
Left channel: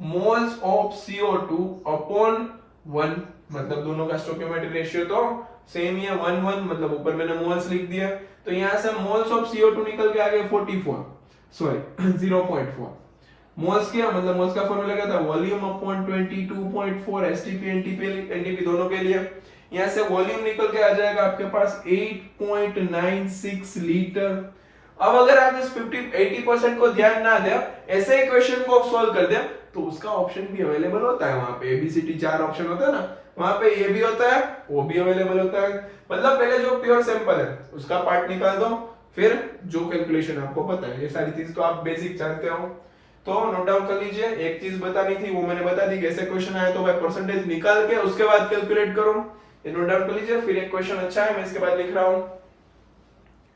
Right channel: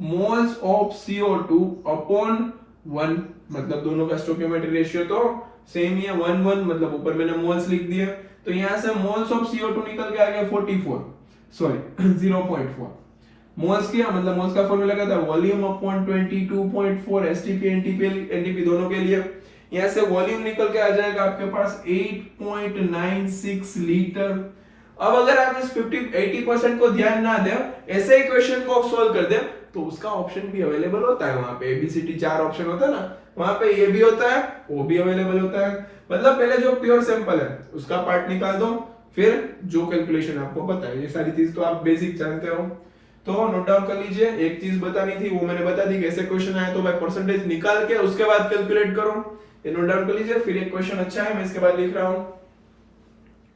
moles of CO2 upon 1, मतलब दोनों का स्टोइकियोमेट्री रेशियो तो सेम ही है 1:1, मतलब ऊपर मैंने मोल्स लिख दिया, तो यहाँ से मोल्स ऑफ CO2 निकल के आ गया 44, सॉरी 0.4 मोल्स किया, मतलब मोल्स का फॉर्मूला क्या था, वॉल्यूम अपॉन 22.4 एसटीपी एनटीपी दोनों के लिए। यहाँ से वॉल्यूम निकल के आ जाएगा आपके पास 8.96 लीटर। अब अगर आप इस 80% को ध्यान ना दें, ऐसे ही क्वेश्चन को सॉल्व कर दें, तो उसका ऑप्शन भी अवेलेबल होता है। वहां पे एबीसीडी 4 ऑप्शन होता है ना, वहां पे ये भी होता है, वो भी अवेलेबल होता है। मतलब पहले जो प्योर सैंपल है उसका पार्ट निकाल दो, फिर जो कैलकुलेशन आपको पता है, ये सारी चीज तो आप बेसिक जानते हो, तो नोट डाउन कर लीजिए। एक चीज बतानी थी वो मैंने बता दी, कैसे क्वेश्चन आया तो भाई परसेंटेज निकाल के उसके बाद कैलकुलेट करो, ये नोट डाउन कर लीजिए। फिर एक क्वेश्चन अच्छा है, मैं इसके बाद लिख रहा हूं।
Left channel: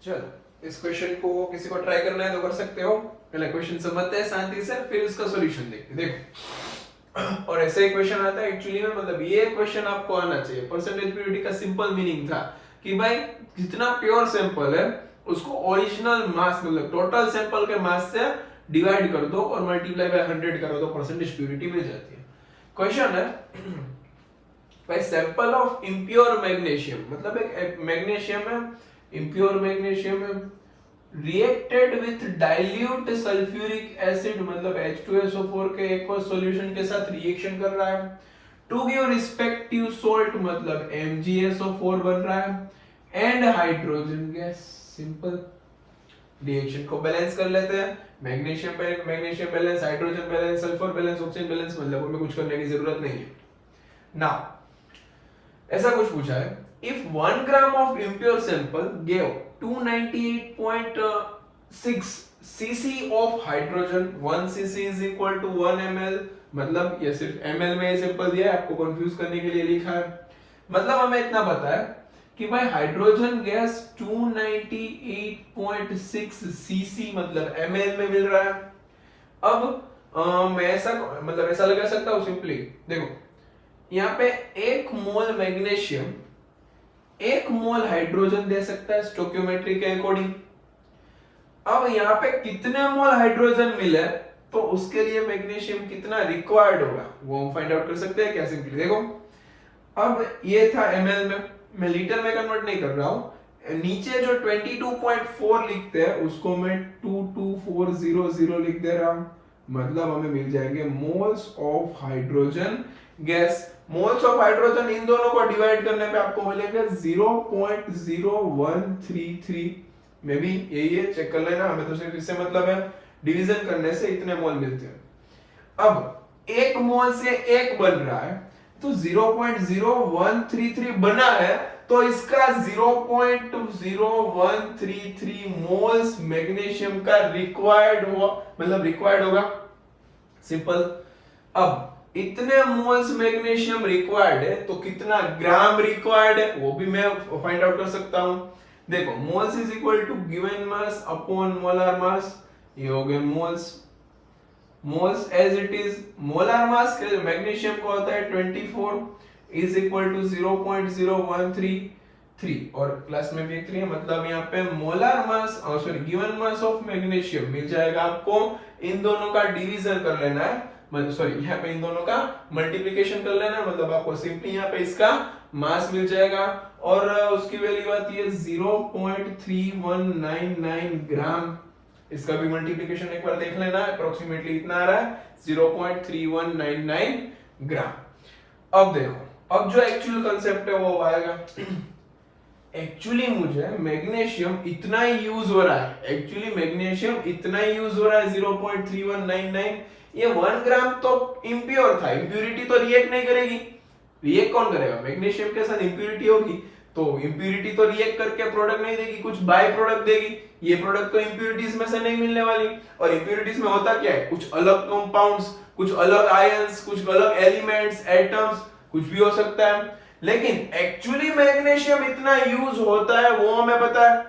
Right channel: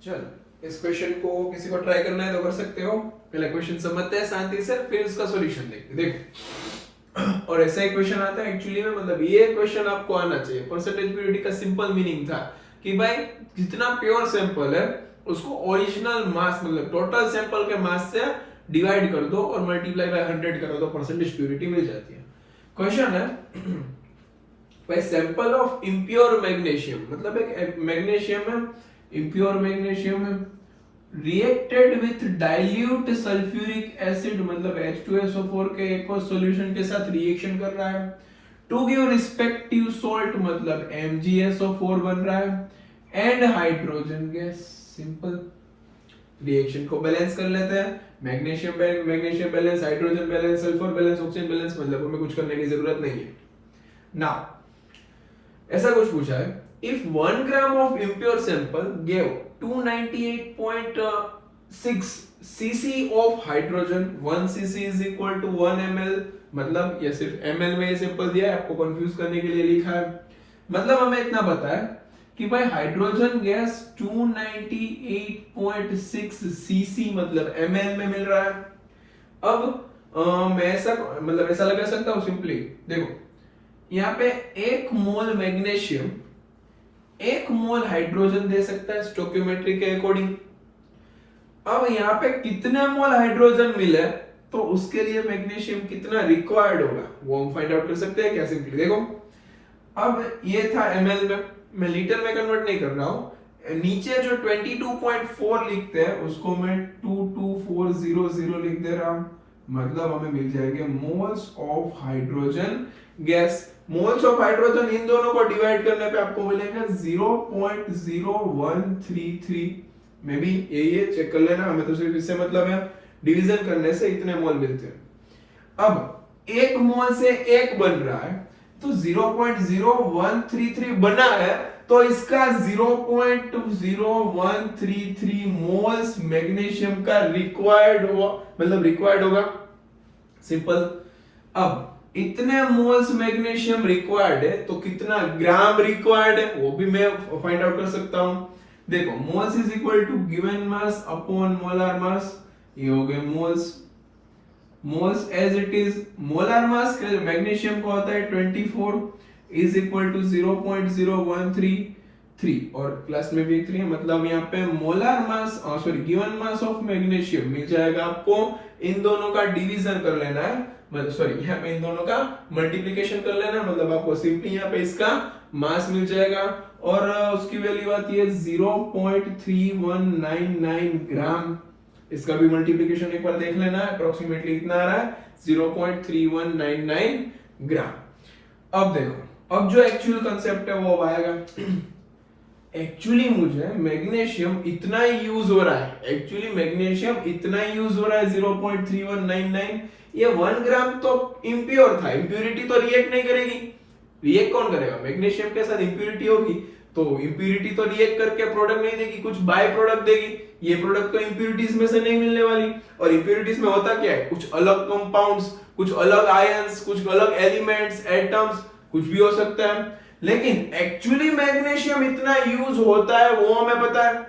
चलो इस क्वेश्चन को किसी को ट्राई करना है तो कर सकते हो। पहले क्वेश्चन समझते हैं शांति से, फिर उसका सॉल्यूशन देखते हैं। देखो और ऐसा ही क्वेश्चन आता है एक्चुअली में, मतलब ये क्वेश्चन आपको आना चाहिए। परसेंटेज प्योरिटी का सिंपल मीनिंग था कि भाई जितना प्योर सैंपल है उसको ओरिजिनल मास, मतलब टोटल सैंपल के मास से डिवाइड कर दो और मल्टीप्लाई बाय 100 करो तो परसेंटेज प्योरिटी मिल जाती है। क्वेश्चन है भाई सैंपल ऑफ इम्प्योर मैग्नीशियम, मतलब एक मैग्नीशियम है, इम्प्योर मैग्नीशियम है, reacted with dilute sulphuric acid, मतलब H2SO4 के एक्वस सॉल्यूशन के साथ रिएक्शन कर रहा है, टू गिव रिस्पेक्टिव सॉल्ट, मतलब MgSO4 बन रहा है, and hydrogen gas. Simple, reaction को बैलेंस कर लेते हैं, magnesium balance, hydrogen balance, sulphur balance, oxygen balance, मतलब हमें कुछ करने की जरूरत नहीं है ना। ऐसा कुछ पूछा है, if 1 gram of impure sample gave 298.6 cc of hydrogen, 1 cc is equal to 1 ml, मतलब ये सिर्फ ml में ये सिंपल दिया है, आपको कंफ्यूज करने के लिए लिखा है। मतलब हमें इतना पता है कि भाई हाइड्रोजन गैस 298.6 cc मतलब ml में मिल रहा है। अब मैं ऐसा मतलब ऐसा लगा सकता हूं सिंपली, देखो यहाँ पे 1 मोल मैग्नीशियम 1 मोल हाइड्रोजन दे सकता है स्टोइकियोमेट्री के अकॉर्डिंग। अब यहाँ पे कितने मोल हाइड्रोजन मिले तो उसके लिए मैग्नीशियम कितना रिक्वायर्ड होगा वो हम फाइंड आउट कर सकते हैं क्या, सिंपली देखो। अब ये था ml में, मैं लीटर में कन्वर्ट नहीं कर रहा हूं, नीचे जो 22.4 लिखते हैं उसको मैं 22400 लिख दे रहा हूं, मतलब हमें मिल जाएंगे moles of hydrogen gas. Moles of hydrogen in दोनों को डिवाइड करने पे आपको मिलेगा 0.0133, मे बी यही है, चेक कर लेना, हमें तो सिर्फ इससे मतलब है, डिवीजन करने से इतने मोल मिलते हैं। अब 1 मोल से 1 बन रहा है तो 0.0133 बना है, तो इसका 0.0133 मोल्स मैग्नीशियम का रिक्वायर्ड हुआ, मतलब रिक्वायर्ड होगा, सिंपल। अब इतने मोल्स मैग्नीशियम रिक्वायर्ड है तो कितना ग्राम रिक्वायर्ड है वो भी मैं फाइंड आउट कर सकता हूं। देखो moles is equal to given mass upon molar mass, ये हो गए moles. Moles as it is, molar mass magnesium को होता है 24 इज इक्वल टू 0.0133 और प्लस में भी एक 3 है, मतलब यहाँ पे molar mass sorry given mass of magnesium मिल जाएगा आपको। इन दोनों का डिवीजन कर लेना है, मतलब सॉरी यहाँ पे इन दोनों का मल्टीप्लिकेशन कर लेना है, मतलब आपको सिंपली यहाँ पे इसका मास मिल जाएगा और उसकी वैल्यू आती है 0.3199 ग्राम। इसका भी मल्टीप्लिकेशन एक बार देख लेना, अप्रोक्सीमेटली इतना आ रहा है 0.3199 ग्राम। अब देखो, अब जो एक्चुअल कंसेप्ट है वो आएगा। एक्चुअली मुझे मैग्नीशियम इतना ही यूज हो रहा है, एक्चुअली मैग्नीशियम इतना ही यूज हो रहा है 0.3199, ये 1 ग्राम तो इम्प्योर था, इम्प्यूरिटी तो रिएक्ट नहीं करेगी, रिएक्ट कौन करेगा, मैग्नीशियम के साथ इम्प्यूरिटी होगी, तो इम्प्यूरिटी तो रिएक्ट करके प्रोडक्ट नहीं देगी, कुछ बाय प्रोडक्ट देगी, ये प्रोडक्ट तो इम्प्यूरिटीज में से नहीं मिलने वाली। और इम्प्यूरिटीज में होता क्या है, कुछ अलग कंपाउंड्स, कुछ अलग आयंस, कुछ अलग एलिमेंट्स, एटम्स, कुछ भी हो सकता है। लेकिन एक्चुअली मैग्नीशियम इतना यूज होता है वो हमें पता है,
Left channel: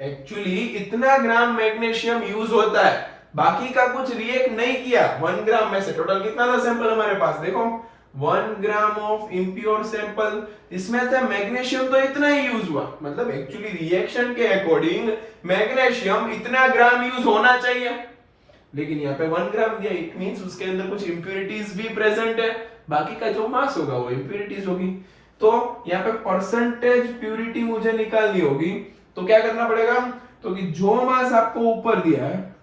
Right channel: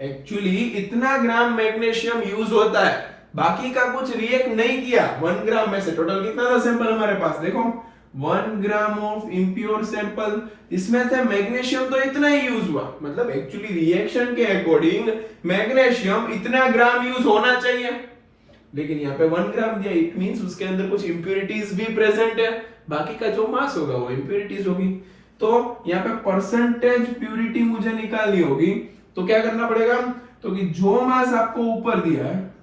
एक्चुअली इतना ग्राम मैग्नीशियम यूज होता है, बाकी का कुछ रिएक्ट नहीं किया। 1 ग्राम में से टोटल कितना था सैंपल हमारे पास, देखो 1 ग्राम ऑफ इम्प्योर सैंपल, इसमें से मैग्नीशियम तो इतना ही यूज हुआ, मतलब एक्चुअली रिएक्शन के अकॉर्डिंग मैग्नीशियम इतना ग्राम यूज होना चाहिए, लेकिन यहाँ पे 1 ग्राम दिया, इट मींस उसके अंदर कुछ इंप्योरिटीज भी प्रेजेंट है, बाकी का जो मास होगा वो इंप्योरिटीज होगी। तो यहाँ पे परसेंटेज प्यूरिटी मुझे निकालनी होगी तो क्या करना पड़ेगा, तो कि जो मास आपको ऊपर दिया है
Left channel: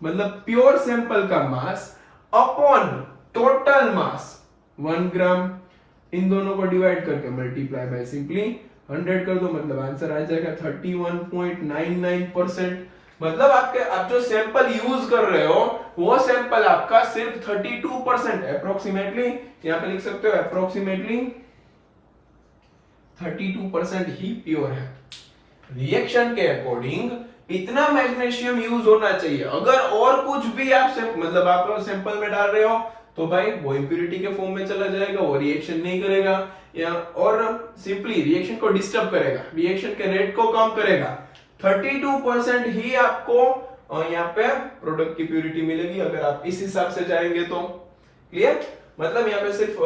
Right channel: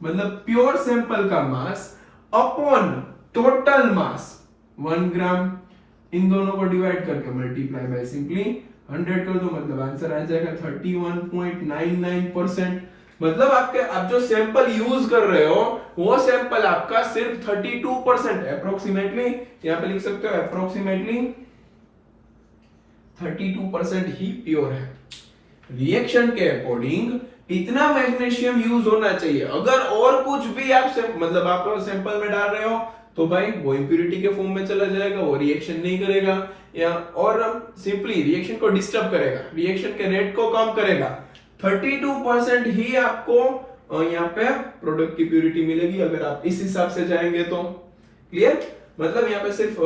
मतलब प्योर सैंपल का मास अपॉन टोटल मास 1 ग्राम, इन दोनों को डिवाइड करके मल्टीप्लाई बाय सिंपली 100 कर दो, मतलब आंसर आ जाएगा 31.99%। मतलब आप जो सैंपल यूज कर रहे हो वो सैंपल आपका सिर्फ 32% अप्रोक्सीमेटली, यहां पे लिख सकते हो अप्रोक्सीमेटली 32% ही प्योर है। रिएक्शन के अकॉर्डिंग इतना मैग्नीशियम यूज होना चाहिए। अगर और कुछ भी आप मतलब आप सैंपल में डाल रहे हो तो भाई वो इंप्यूरिटी के फॉर्म में चला जाएगा, वो रिएक्शन नहीं करेगा या और सिंपली रिएक्शन को डिस्टर्ब करेगा, रिएक्शन के रेट को कम करेगा। 32% ही आपको यहाँ पे प्रोडक्ट की प्यूरिटी मिलेगी अगर आप इस हिसाब से जाएंगे तो। क्लियर, मतलब यहाँ पे सिर्फ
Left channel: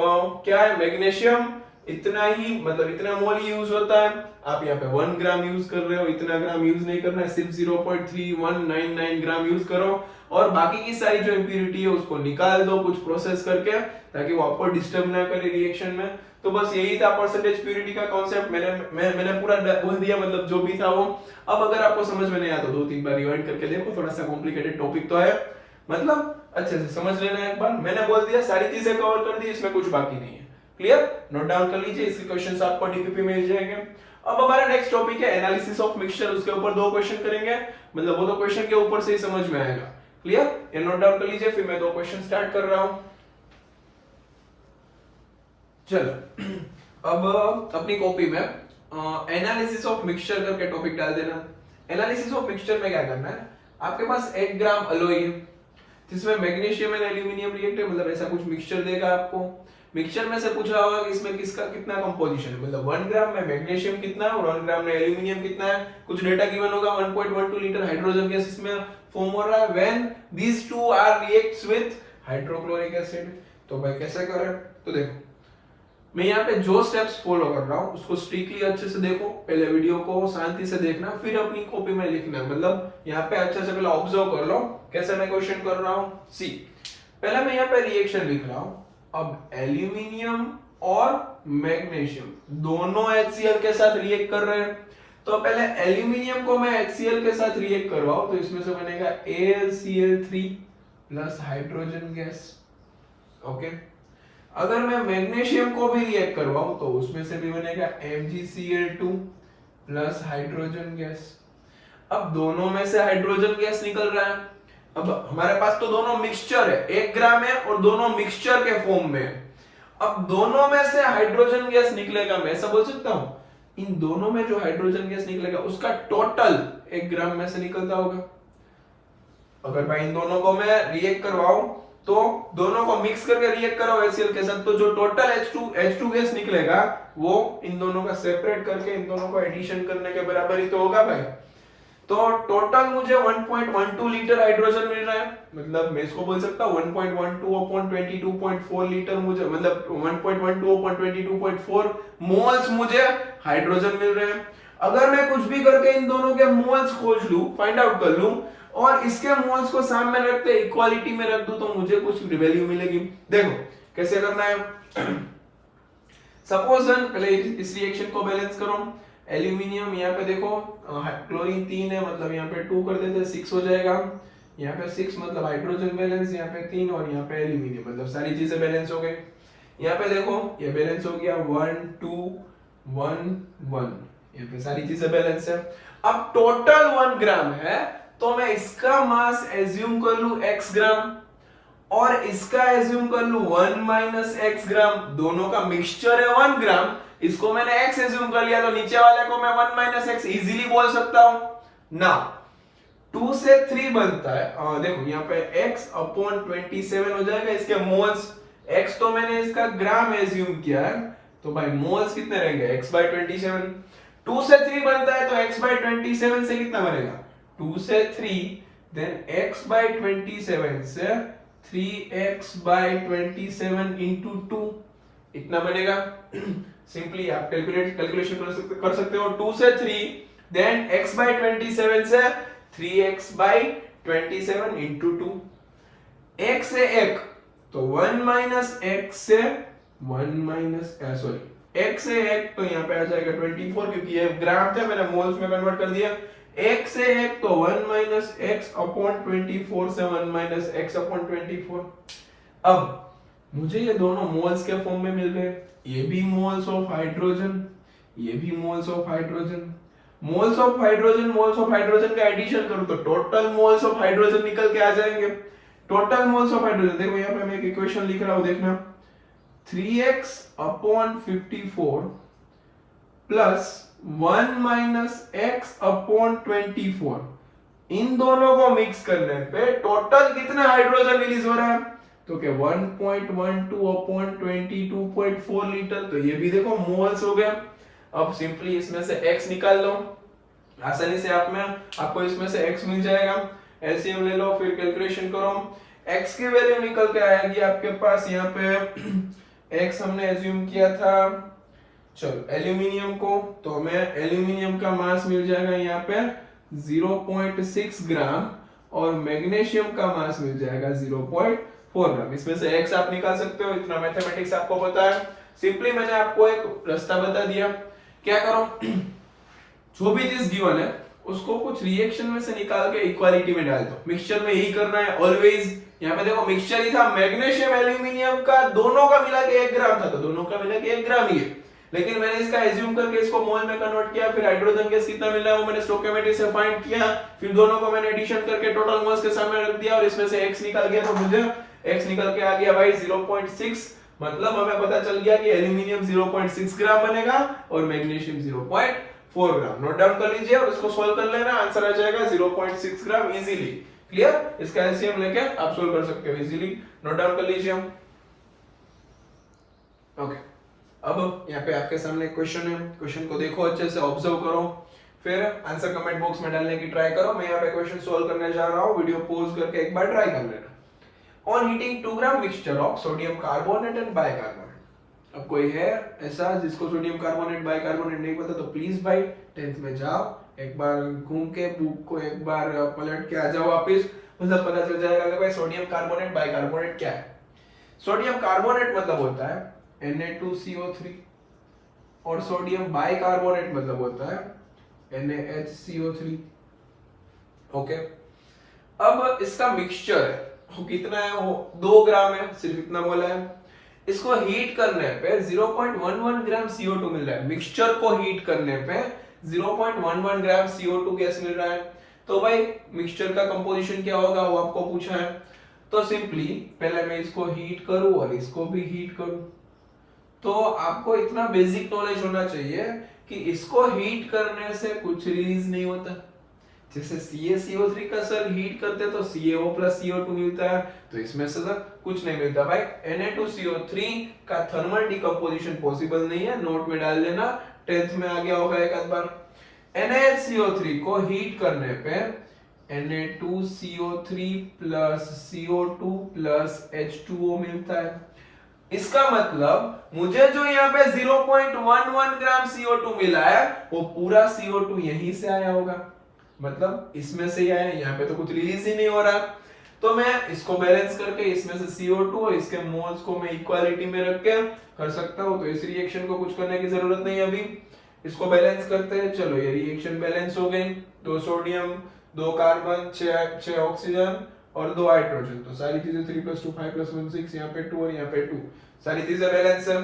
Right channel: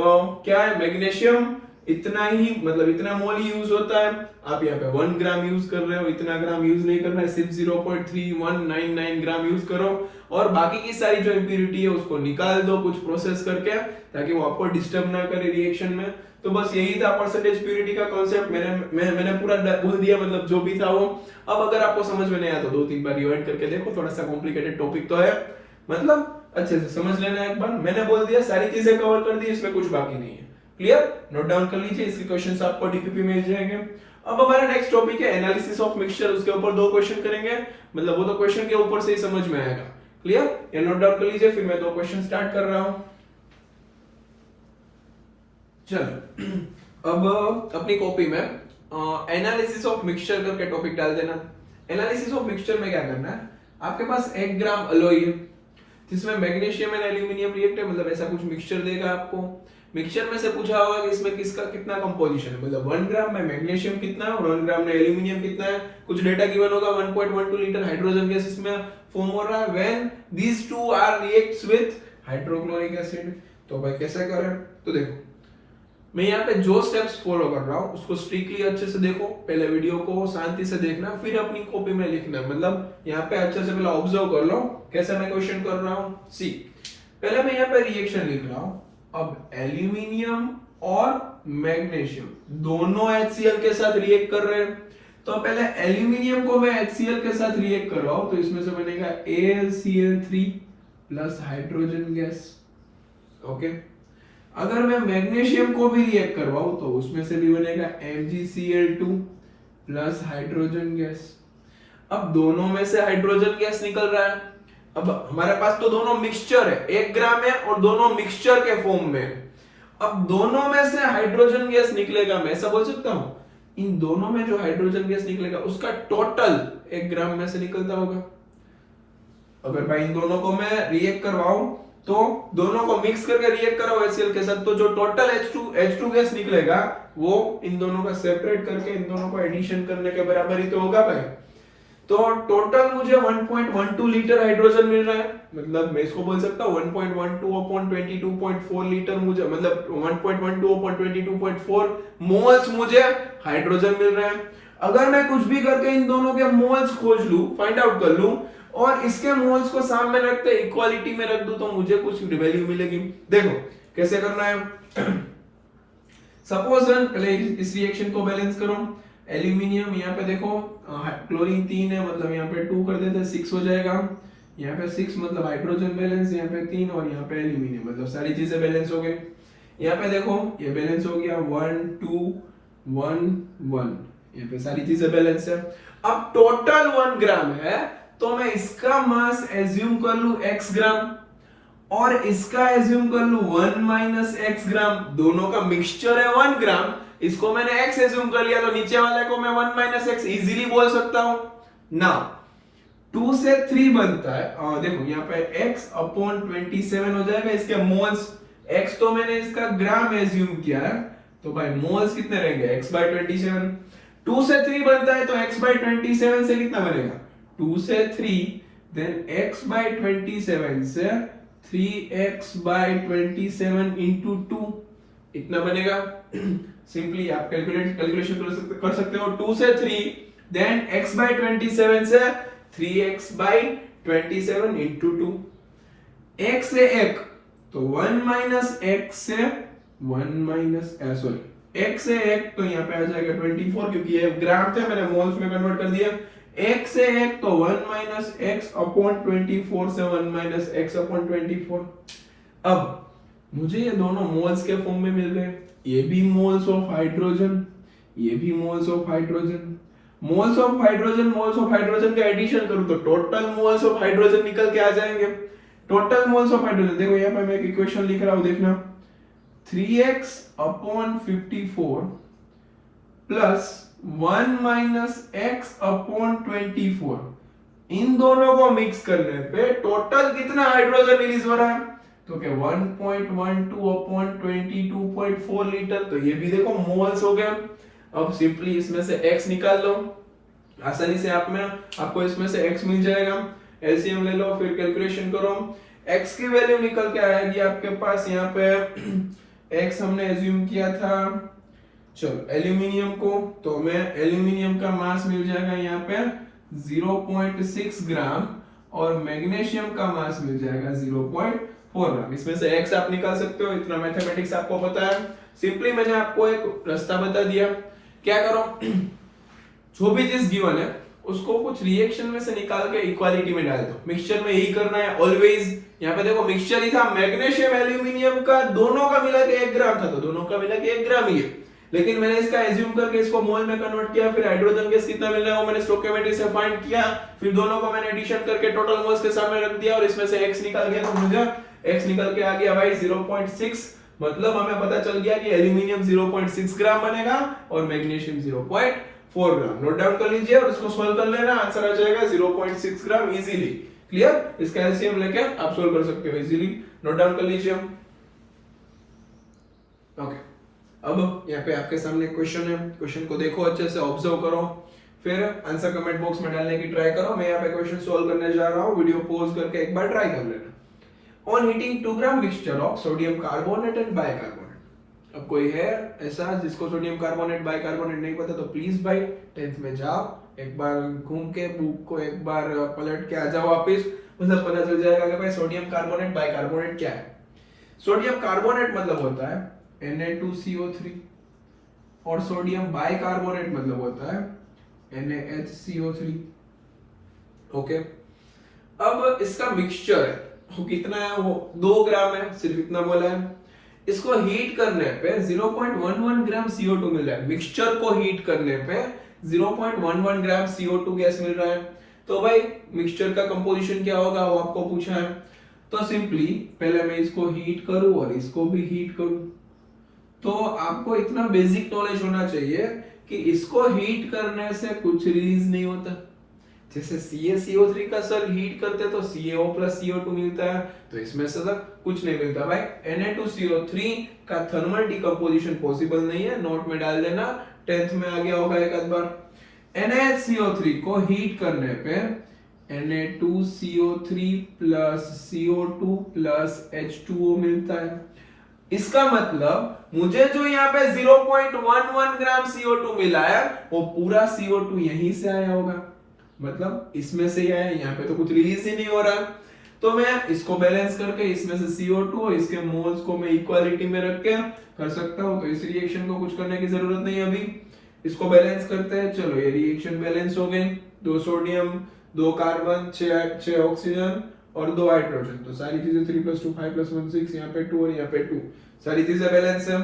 क्या है, मैग्नीशियम इतना ही मतलब इतना मोल यूज होता है, आप यहाँ पे 1 ग्राम यूज कर रहे हो, इतना ग्राम यूज नहीं करना है, सिर्फ 0.3199 ग्राम यूज करो और बाकी की सारी जो इंप्यूरिटी है उसको निकाल दो कुछ प्रोसेस करके, ताकि वो आपको डिस्टर्ब ना करे रिएक्शन में। तो बस यही था परसेंटेज प्यूरिटी का कॉन्सेप्ट। मैंने पूरा बोल दिया, मतलब जो भी था वो। अब अगर आपको समझ में नहीं आया तो 2-3 बार रिवाइंड करके देखो, थोड़ा सा कॉम्प्लिकेटेड टॉपिक तो है, मतलब अच्छे से समझ लेना एक बार। मैंने बोल दिया सारी चीजें कवर कर दी, इसमें कुछ बाकी नहीं है। क्लियर, नोट डाउन कर लीजिए, इसके क्वेश्चंस आपको डीपीपी में मिल जाएंगे। अब हमारा नेक्स्ट टॉपिक है एनालिसिस ऑफ मिक्सचर, उसके ऊपर 2 क्वेश्चन करेंगे, मतलब वो तो क्वेश्चन के ऊपर से ही समझ में आएगा। क्लियर, ये नोट डाउन कर लीजिए, फिर मैं 2 क्वेश्चन स्टार्ट कर रहा हूं। चलो अब अपनी कॉपी में एनालिसिस ऑफ मिक्सचर करके टॉपिक डाल देना। एनालिसिस ऑफ मिक्सचर में क्या करना है, आपके पास 1 ग्राम अलॉय है जिसमें मैग्नीशियम एंड एल्यूमिनियम रिएक्ट है, मतलब ऐसा कुछ मिक्सचर देगा आपको। मिक्सचर में से पूछा होगा कि इसमें किसका कितना कंपोजिशन है, मतलब 1 ग्राम में मैग्नीशियम कितना है और 1 ग्राम में एल्यूमिनियम कितना है, कुछ डेटा गिवन होगा। 1.12 लीटर हाइड्रोजन गैस इसमें फॉर्म हो रहा है when these two are reacts with hydrochloric acid. तो भाई कैसे करें, तो देखो मैं यहाँ पे जो स्टेप्स फॉलो कर रहा हूँ उसको स्ट्रिक्टली अच्छे से देखो, पहले वीडियो को शांति से देखना, फिर अपनी कॉपी में लिखना, मतलब यहाँ पे अच्छे से पहले ऑब्जर्व कर लो कैसे मैं क्वेश्चन कर रहा हूँ। सी, पहले मैं यहाँ पे रिएक्शन लिख रहा हूँ। अब एल्यूमिनियम और मैग्नीशियम दोनों HCl के साथ रिएक्ट कर रहे हैं, तो पहले एल्यूमिनियम को मैं HCl के साथ रिएक्ट करवाऊं तो इसमें से बनेगा AlCl3 plus hydrogen gas. Okay, अगर मैं मैग्नीशियम को भी रिएक्ट करवाऊं तो उसमें से भी बनेगा MgCl2 प्लस हाइड्रोजन गैस। अब दोनों में से हाइड्रोजन गैस निकल रहा है। अब हमारे पास तो दोनों मिक्सचर है, 1 ग्राम है और दोनों मिक्सचर के फॉर्म में। अब दोनों में से हाइड्रोजन गैस निकलेगा, मैं ऐसा बोल सकता हूं इन दोनों में जो हाइड्रोजन गैस निकलेगा उसका टोटल 1 ग्राम में से निकलता होगा। अगर भाई इन दोनों को मैं रिएक्ट करवाऊं तो दोनों को मिक्स करके रिएक्ट करो HCl के साथ, तो जो टोटल H2 गैस निकलेगा वो इन दोनों का सेपरेट करके इन दोनों को एडिशन करने के बराबर ही तो होगा भाई। तो टोटल मुझे 1.12 लीटर हाइड्रोजन मिल रहा है, मतलब मैं इसको बोल सकता हूँ 1.12 अपॉन 22.4 लीटर मुझे, मतलब 1.12 अपॉन 22.4 मोल्स मुझे हाइड्रोजन मिल रहे हैं। अगर मैं कुछ भी करके इन दोनों के मोल्स खोज लूं, फाइंड आउट कर लूं और इसके मोल्स को सामने रखते इक्वालिटी में रख दूं तो मुझे कुछ वैल्यू मिलेगी। देखो कैसे करना है। सपोज पहले इस रिएक्शन को बैलेंस करो। एल्यूमिनियम यहाँ पे देखो क्लोरीन 3 है, मतलब यहाँ पे 2 कर देते 6 हो जाएगा। यहाँ पे 6 मतलब हाइड्रोजन बैलेंस, यहाँ पे 3 और यहाँ पे एल्यूमिनियम, मतलब सारी चीजें बैलेंस हो गई। यहाँ पे देखो ये बैलेंस हो गया 1 2 1 1, यहाँ पे सारी चीजें बैलेंस है। अब टोटल 1 ग्राम है तो मैं इसका मास एज्यूम कर लूं x ग्राम और इसका एज्यूम कर लूं 1 माइनस x ग्राम। दोनों का मिक्सचर है 1 ग्राम, इसको मैंने x एज्यूम कर लिया तो नीचे वाले को मैं 1 माइनस x इजीली बोल सकता हूं ना। 2 से 3 बनता है, देखो यहाँ पे x अपॉन 27 हो जाएगा इसके मोल्स। x तो मैंने इसका ग्राम एज्यूम किया है तो भाई मोल्स कितने रहेंगे x by 27। 2 से 3 बनता है तो x by 27 से कितना बनेगा 2 से 3, देन x by 27 से 3x by 27 into 2 इतना बनेगा। सिंपली आप कैलकुलेशन कर सकते हो। 2 से 3 देन x by 27 से 3x by 27 into 2, 1 से 1 तो 1 माइनस x से 1 माइनस सॉरी एक से एक तो यहाँ पे आ जाएगा 24, क्योंकि ये ग्राम थे मैंने मोल्स में कन्वर्ट कर दिया। एक से एक तो 1 माइनस एक्स अपॉन 24 से 1 माइनस एक्स अपॉन 24। अब मुझे ये दोनों मोल्स के फॉर्म में मिल गए, ये भी मोल्स ऑफ हाइड्रोजन, ये भी moles of hydrogen. Moles of hydrogen का एडिशन करूं तो टोटल मोल्स ऑफ हाइड्रोजन निकल के आ जाएंगे। टोटल मोल्स ऑफ हाइड्रोजन देखो यहाँ पे मैं एक इक्वेशन लिख रहा हूं, देखना 3x upon 54 plus 1 minus x upon 24, इन दोनों को मिक्स करने पे टोटल कितना हाइड्रोजन रिलीज हो रहा है, तो क्या 1.12 अपॉन 22.4 लीटर, तो ये भी देखो मोल्स हो गए। अब सिंपली इसमें से x निकाल लो, आसानी से आपको इसमें से x मिल जाएगा। एलसीएम ले लो, फिर कैलकुलेशन करो, x की वैल्यू निकल के आएगी आपके पास यहाँ पे x हमने एज्यूम किया था, चलो एल्यूमिनियम को, तो मैं एल्यूमिनियम का मास मिल जाएगा यहाँ पे 0.6 ग्राम और मैग्नीशियम का मास मिल जाएगा 0.4 ग्राम। इसमें से x आप निकाल सकते हो, इतना मैथमेटिक्स आपको पता है। सिंपली मैंने आपको एक रास्ता बता दिया, क्या करो जो भी चीज गिवन है उसको कुछ रिएक्शन में से निकाल के इक्वालिटी में डाल दो। मिक्सचर में यही करना है ऑलवेज। यहाँ पे देखो मिक्सचर ही था, मैग्नीशियम एल्यूमिनियम का दोनों का मिला के 1 ग्राम था, तो दोनों का मिला के 1 ग्राम ही है, लेकिन मैंने इसका एज्यूम करके इसको मोल में कन्वर्ट किया, फिर हाइड्रोजन गैस कितना मिल रहा है वो मैंने स्टोइकियोमेट्री से फाइंड किया, फिर दोनों को मैंने एडिशन करके टोटल मोल्स के सामने रख दिया और इसमें से x निकल गया, तो मुझे x निकल के आ गया भाई 0.6। मतलब हमें पता चल गया कि एल्यूमिनियम 0.6 ग्राम बनेगा और मैग्नीशियम 0.4 ग्राम। नोट डाउन कर लीजिए और इसको सोल्व कर लेना, आंसर आ जाएगा 0.6 ग्राम इजीली। क्लियर? इसका एलसीएम लेके आप सोल्व कर सकते हो इजीली। नोट डाउन कर लीजिए। ओके, अब यहाँ पे आपके सामने क्वेश्चन है, क्वेश्चन को देखो अच्छे से, ऑब्जर्व करो, फिर आंसर कमेंट बॉक्स में डालने की ट्राई करो। मैं यहाँ पे क्वेश्चन सोल्व करने जा रहा हूँ, वीडियो पॉज करके एक बार ट्राई कर लेना। On heating 2 gram mixture of sodium carbonate and bicarbonate. अब कोई है ऐसा जिसको सोडियम कार्बोनेट बाइकार्बोनेट नहीं पता तो प्लीज भाई 10th में जाओ, एक बार घूम के बुक को एक बार पलट के आ जाओ वापस, मतलब पता चल जाएगा कि भाई सोडियम कार्बोनेट बाइकार्बोनेट क्या है। सोडियम कार्बोनेट मतलब होता है Na2CO3 और सोडियम बाइकार्बोनेट मतलब होता है NaHCO3। ओके, अब इसका मिक्सचर है वो कितना है, वो 2 ग्राम है, सिर्फ इतना बोला है। इसको हीट करने पे 0.11 ग्राम CO2 मिल रहा है। मिक्सचर को हीट करने पे 0.11 ग्राम CO2 गैस मिल रहा है। तो भाई मिक्सचर का कंपोजिशन क्या होगा वो आपको पूछा है, तो सिंपली पहले मैं इसको हीट करूं और इसको भी हीट करूं, तो आपको इतना बेसिक नॉलेज होना चाहिए कि इसको हीट करने से कुछ रिलीज नहीं होता। जैसे CaCO3 का सर हीट करते तो CaO प्लस CO2 मिलता है, तो इसमें से सर कुछ नहीं मिलता भाई। Na2CO3 का थर्मल डिकम्पोजिशन पॉसिबल नहीं है, नोट में डाल देना, 10th में आ गया होगा एक आध बार। NaHCO3 को हीट करने पे Na2CO3 plus CO2 plus H2O मिलता है। इसका मतलब मुझे जो यहाँ पे 0.11 ग्राम CO2 मिला है वो पूरा CO2 यहीं से आया होगा, मतलब इसमें से ही आया, यहाँ पे तो कुछ रिलीज ही नहीं हो रहा। तो मैं इसको बैलेंस करके इसमें से CO2 और इसके मोल्स को मैं इक्वालिटी में रख के कर सकता हूँ। तो इस रिएक्शन को कुछ करने की जरूरत नहीं है, अभी इसको बैलेंस करते हैं। चलो ये रिएक्शन बैलेंस हो गई, 2 सोडियम 2 कार्बन 6 ऑक्सीजन और 2 हाइड्रोजन, तो सारी चीजें 3 + 2 5 + 1 6, यहाँ पे 2 और यहाँ पे 2, सारी चीजें बैलेंस है।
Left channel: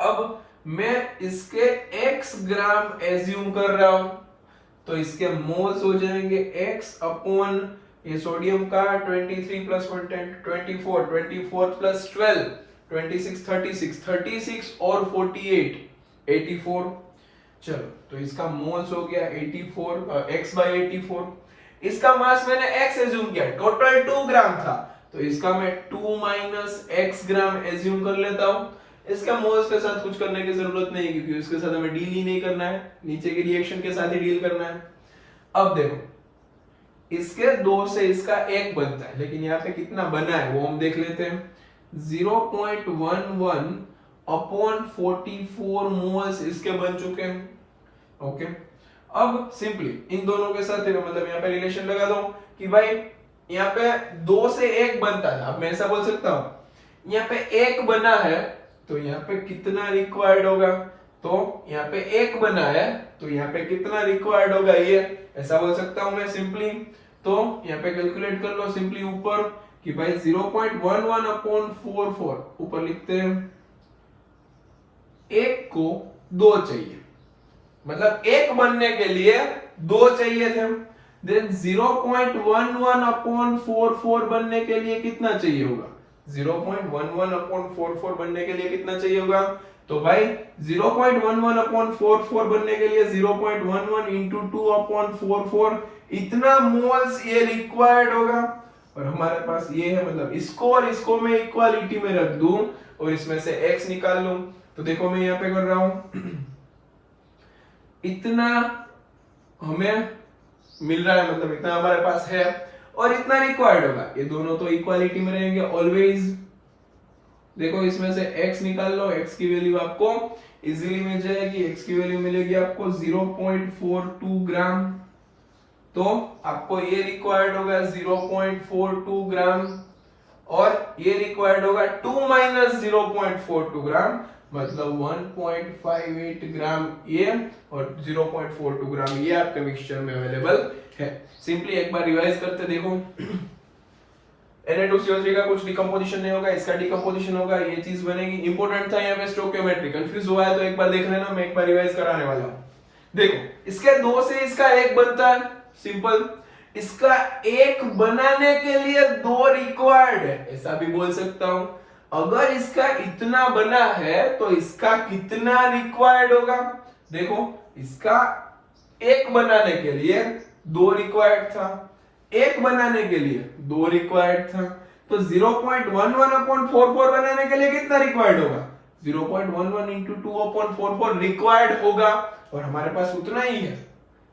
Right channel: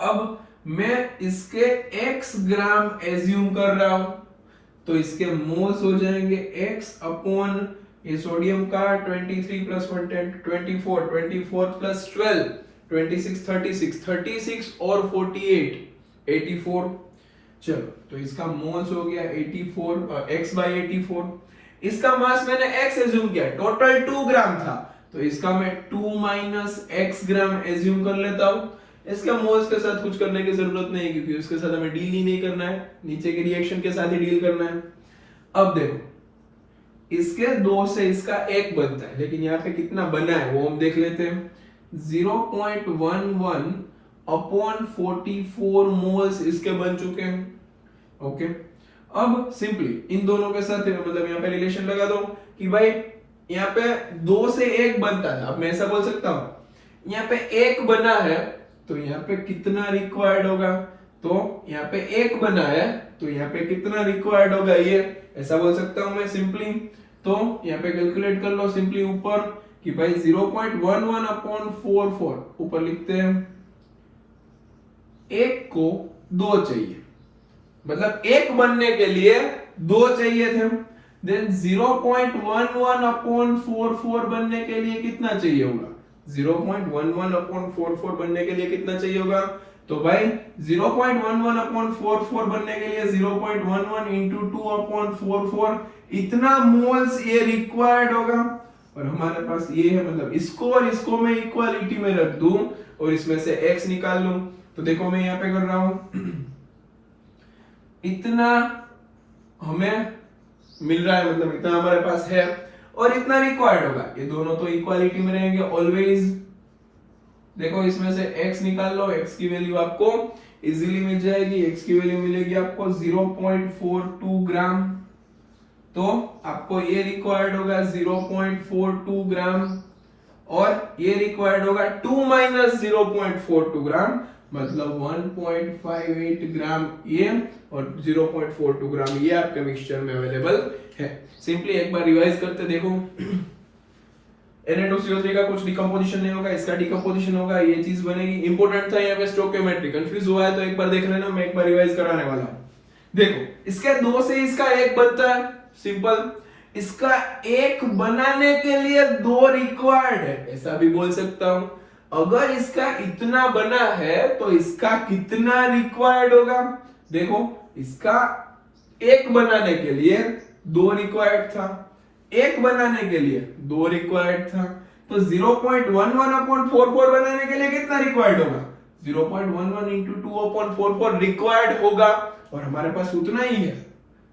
अब मैं इसके x ग्राम एज्यूम कर रहा हूं, तो इसके मोल्स हो जाएंगे x अपॉन ये सोडियम का 23 + 1 10 24 24 + 12 26 36 36 और 48 84। चलो तो इसका मोल्स हो गया 84 x/84। इसका मास मैंने x एज्यूम किया, टोटल 2 ग्राम था, तो इसका मैं 2 - x ग्राम एज्यूम कर लेता हूं। इसके मोल्स के साथ कुछ करने की जरूरत नहीं, क्योंकि उसके साथ हमें डील ही नहीं करना है, नीचे के रिएक्शन के साथ ही डील करना है। अब देखो इसके 2 से इसका 1 बनता है, लेकिन यहाँ पे कितना बना है वो हम देख लेते हैं। 0.11 अपॉन 44 मोल्स इसके बन चुके हैं। ओके, अब सिंपली इन दोनों के साथ मतलब यहाँ पे रिलेशन लगा दो कि भाई यहाँ पे 2 से 1 बनता था। अब मैं ऐसा बोल सकता हूं यहाँ पे 1 बना है तो यहाँ पे कितना रिक्वायर्ड होगा, तो यहाँ पे 1 बना है तो यहाँ पे कितना रिक्वायर्ड होगा, ये ऐसा बोल सकता हूं मैं सिंपली। तो यहाँ पे कैलकुलेट कर लो सिंपली ऊपर कि भाई 0.11 अपॉन 44 ऊपर लिखते हैं, 1 को 2 चाहिए, मतलब 1 बनने के लिए 2 चाहिए थे। देन 0.11 अपॉन 44 बनने के लिए कितना चाहिए होगा, 0.11 अपॉन 44 बनने के लिए कितना चाहिए होगा, तो भाई 0.11 अपॉन 44 बनने के लिए 0.11 इंटू 2 अपॉन 44 इतना मोल्स ये रिक्वायर्ड होगा। और हमारे पास ये है, मतलब इसको और इसको मैं इक्वालिटी में रख दूं और इसमें से x निकाल लूं, तो देखो मैं यहाँ पे कर रहा हूं इतना हमें मिल रहा है, मतलब इतना हमारे पास है और इतना रिक्वायर्ड होगा, ये दोनों तो इक्वालिटी में रहेंगे ऑलवेज। देखो इसमें से x निकाल लो, x की वैल्यू आपको इजीली मिल जाएगी, x की वैल्यू मिलेगी आपको 0.42 ग्राम, तो आपको ये रिक्वायर्ड होगा 0.42 ग्राम और ये रिक्वायर्ड होगा 2 माइनस 0.42 ग्राम, मतलब 1.58 ग्राम ये और 0.42 ग्राम ये आपके मिक्सचर में अवेलेबल है। सिंपली एक बार रिवाइज करते देखो, Na2CO3 का कुछ डिकम्पोजिशन नहीं होगा, इसका डिकम्पोजिशन होगा, ये चीज बनेगी। इंपॉर्टेंट था यहाँ पे स्टोइकियोमेट्री, कंफ्यूज हुआ है तो एक बार देख लेना, मैं एक बार रिवाइज कराने वाला हूँ। देखो इसके 2 से इसका 1 बनता है, सिंपल। इसका 1 बनाने के लिए 2 रिक्वायर्ड है, ऐसा भी बोल सकता हूं। अगर इसका इतना बना है तो इसका कितना रिक्वायर्ड होगा, देखो इसका 1 बनाने के लिए 2 रिक्वायर्ड था, 1 बनाने के लिए 2 रिक्वायर्ड था, तो 0.11 अपॉन 44 बनाने के लिए कितना रिक्वायर्ड होगा, 0.11 इंटू 2 अपॉन 44 रिक्वायर्ड होगा और हमारे पास उतना ही है,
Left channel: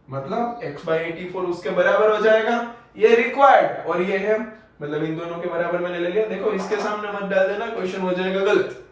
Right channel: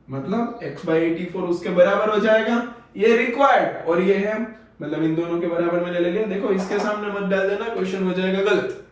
मतलब x/84 उसके बराबर हो जाएगा, ये रिक्वायर्ड और ये है, मतलब इन दोनों के बराबर में ले लिया। देखो इसके सामने मत डाल देना, क्वेश्चन हो जाएगा गलत।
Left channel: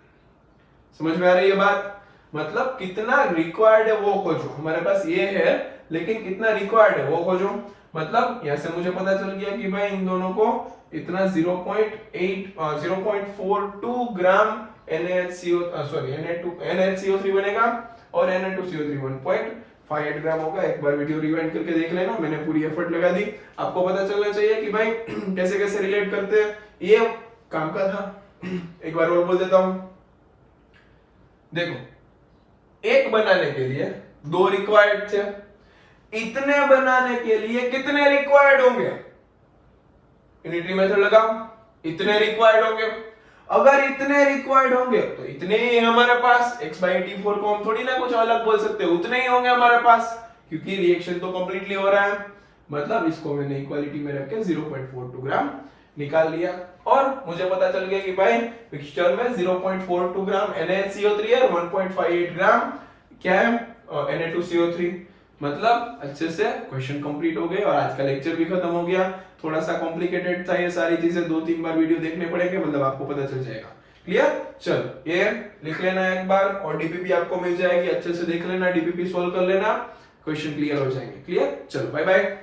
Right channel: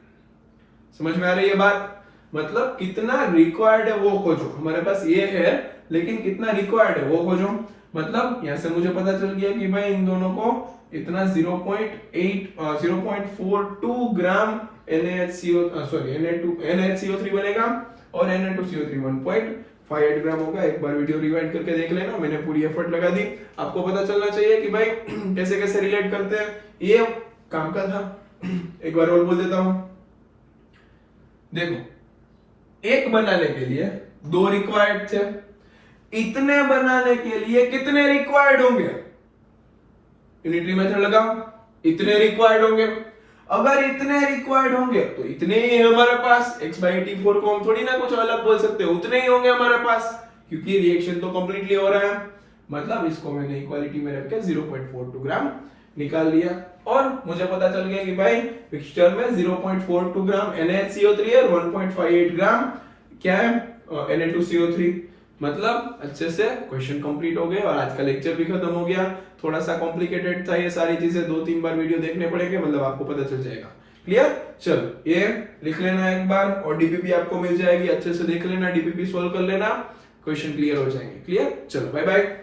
समझ में आ रही है बात, मतलब कितना रिक्वायर्ड है वो खोजो, हमारे पास ये है लेकिन कितना रिक्वायर्ड है वो खोजो। मतलब यहां से मुझे पता चल गया कि भाई इन दोनों को इतना 0.42 ग्राम NaHCO3 बनेगा और Na2CO3 1.58 ग्राम होगा। एक बार वीडियो रिवाइंड करके देख लेना, मैंने पूरी एफर्ट लगा दी, आपको पता चलना चाहिए कि भाई कैसे कैसे रिलेट करते हैं, ये काम का था। एक बार और बोल देता हूं, देखो 1 बनाने के लिए 2 रिक्वायर्ड थे, इतने बनाने के लिए कितने रिक्वायर्ड होंगे, यूनिटरी मेथड लगाओ, इतने रिक्वायर्ड होंगे। अगर इतने रिक्वायर्ड होंगे तो इतने ही है हमारे पास, x/84 को हम थोड़ी ना कुछ अलग बोल सकते, उतने ही होंगे हमारे पास, क्योंकि रिएक्शन तो कंप्लीटली हो रहा है। मतलब इसको मैंने इक्वालिटी में रख के 0.42 ग्राम निकाल लिया और मुझे पता चल गया कि भाई मिक्सचर में 0.42 ग्राम NaHCO3 और 1.58 ग्राम क्या है Na2CO3। मतलब अच्छे से क्वेश्चन कंप्लीट हो गए और आज का लेक्चर भी खत्म हो गया। थोड़ा सा कॉम्प्लिकेटेड था, ये सारी चीजें 2-3 बार वीडियो देखने पड़ेंगे, मतलब आपको पता चल जाएगा। क्लियर, चलो ये लिख लेना एक बार और डीपीपी आपको मिल जाएगी, अच्छे से देख लेना, डीपीपी सोल्व कर लेना, क्वेश्चन क्लियर हो जाएंगे। क्लियर, चलो बाय बाय।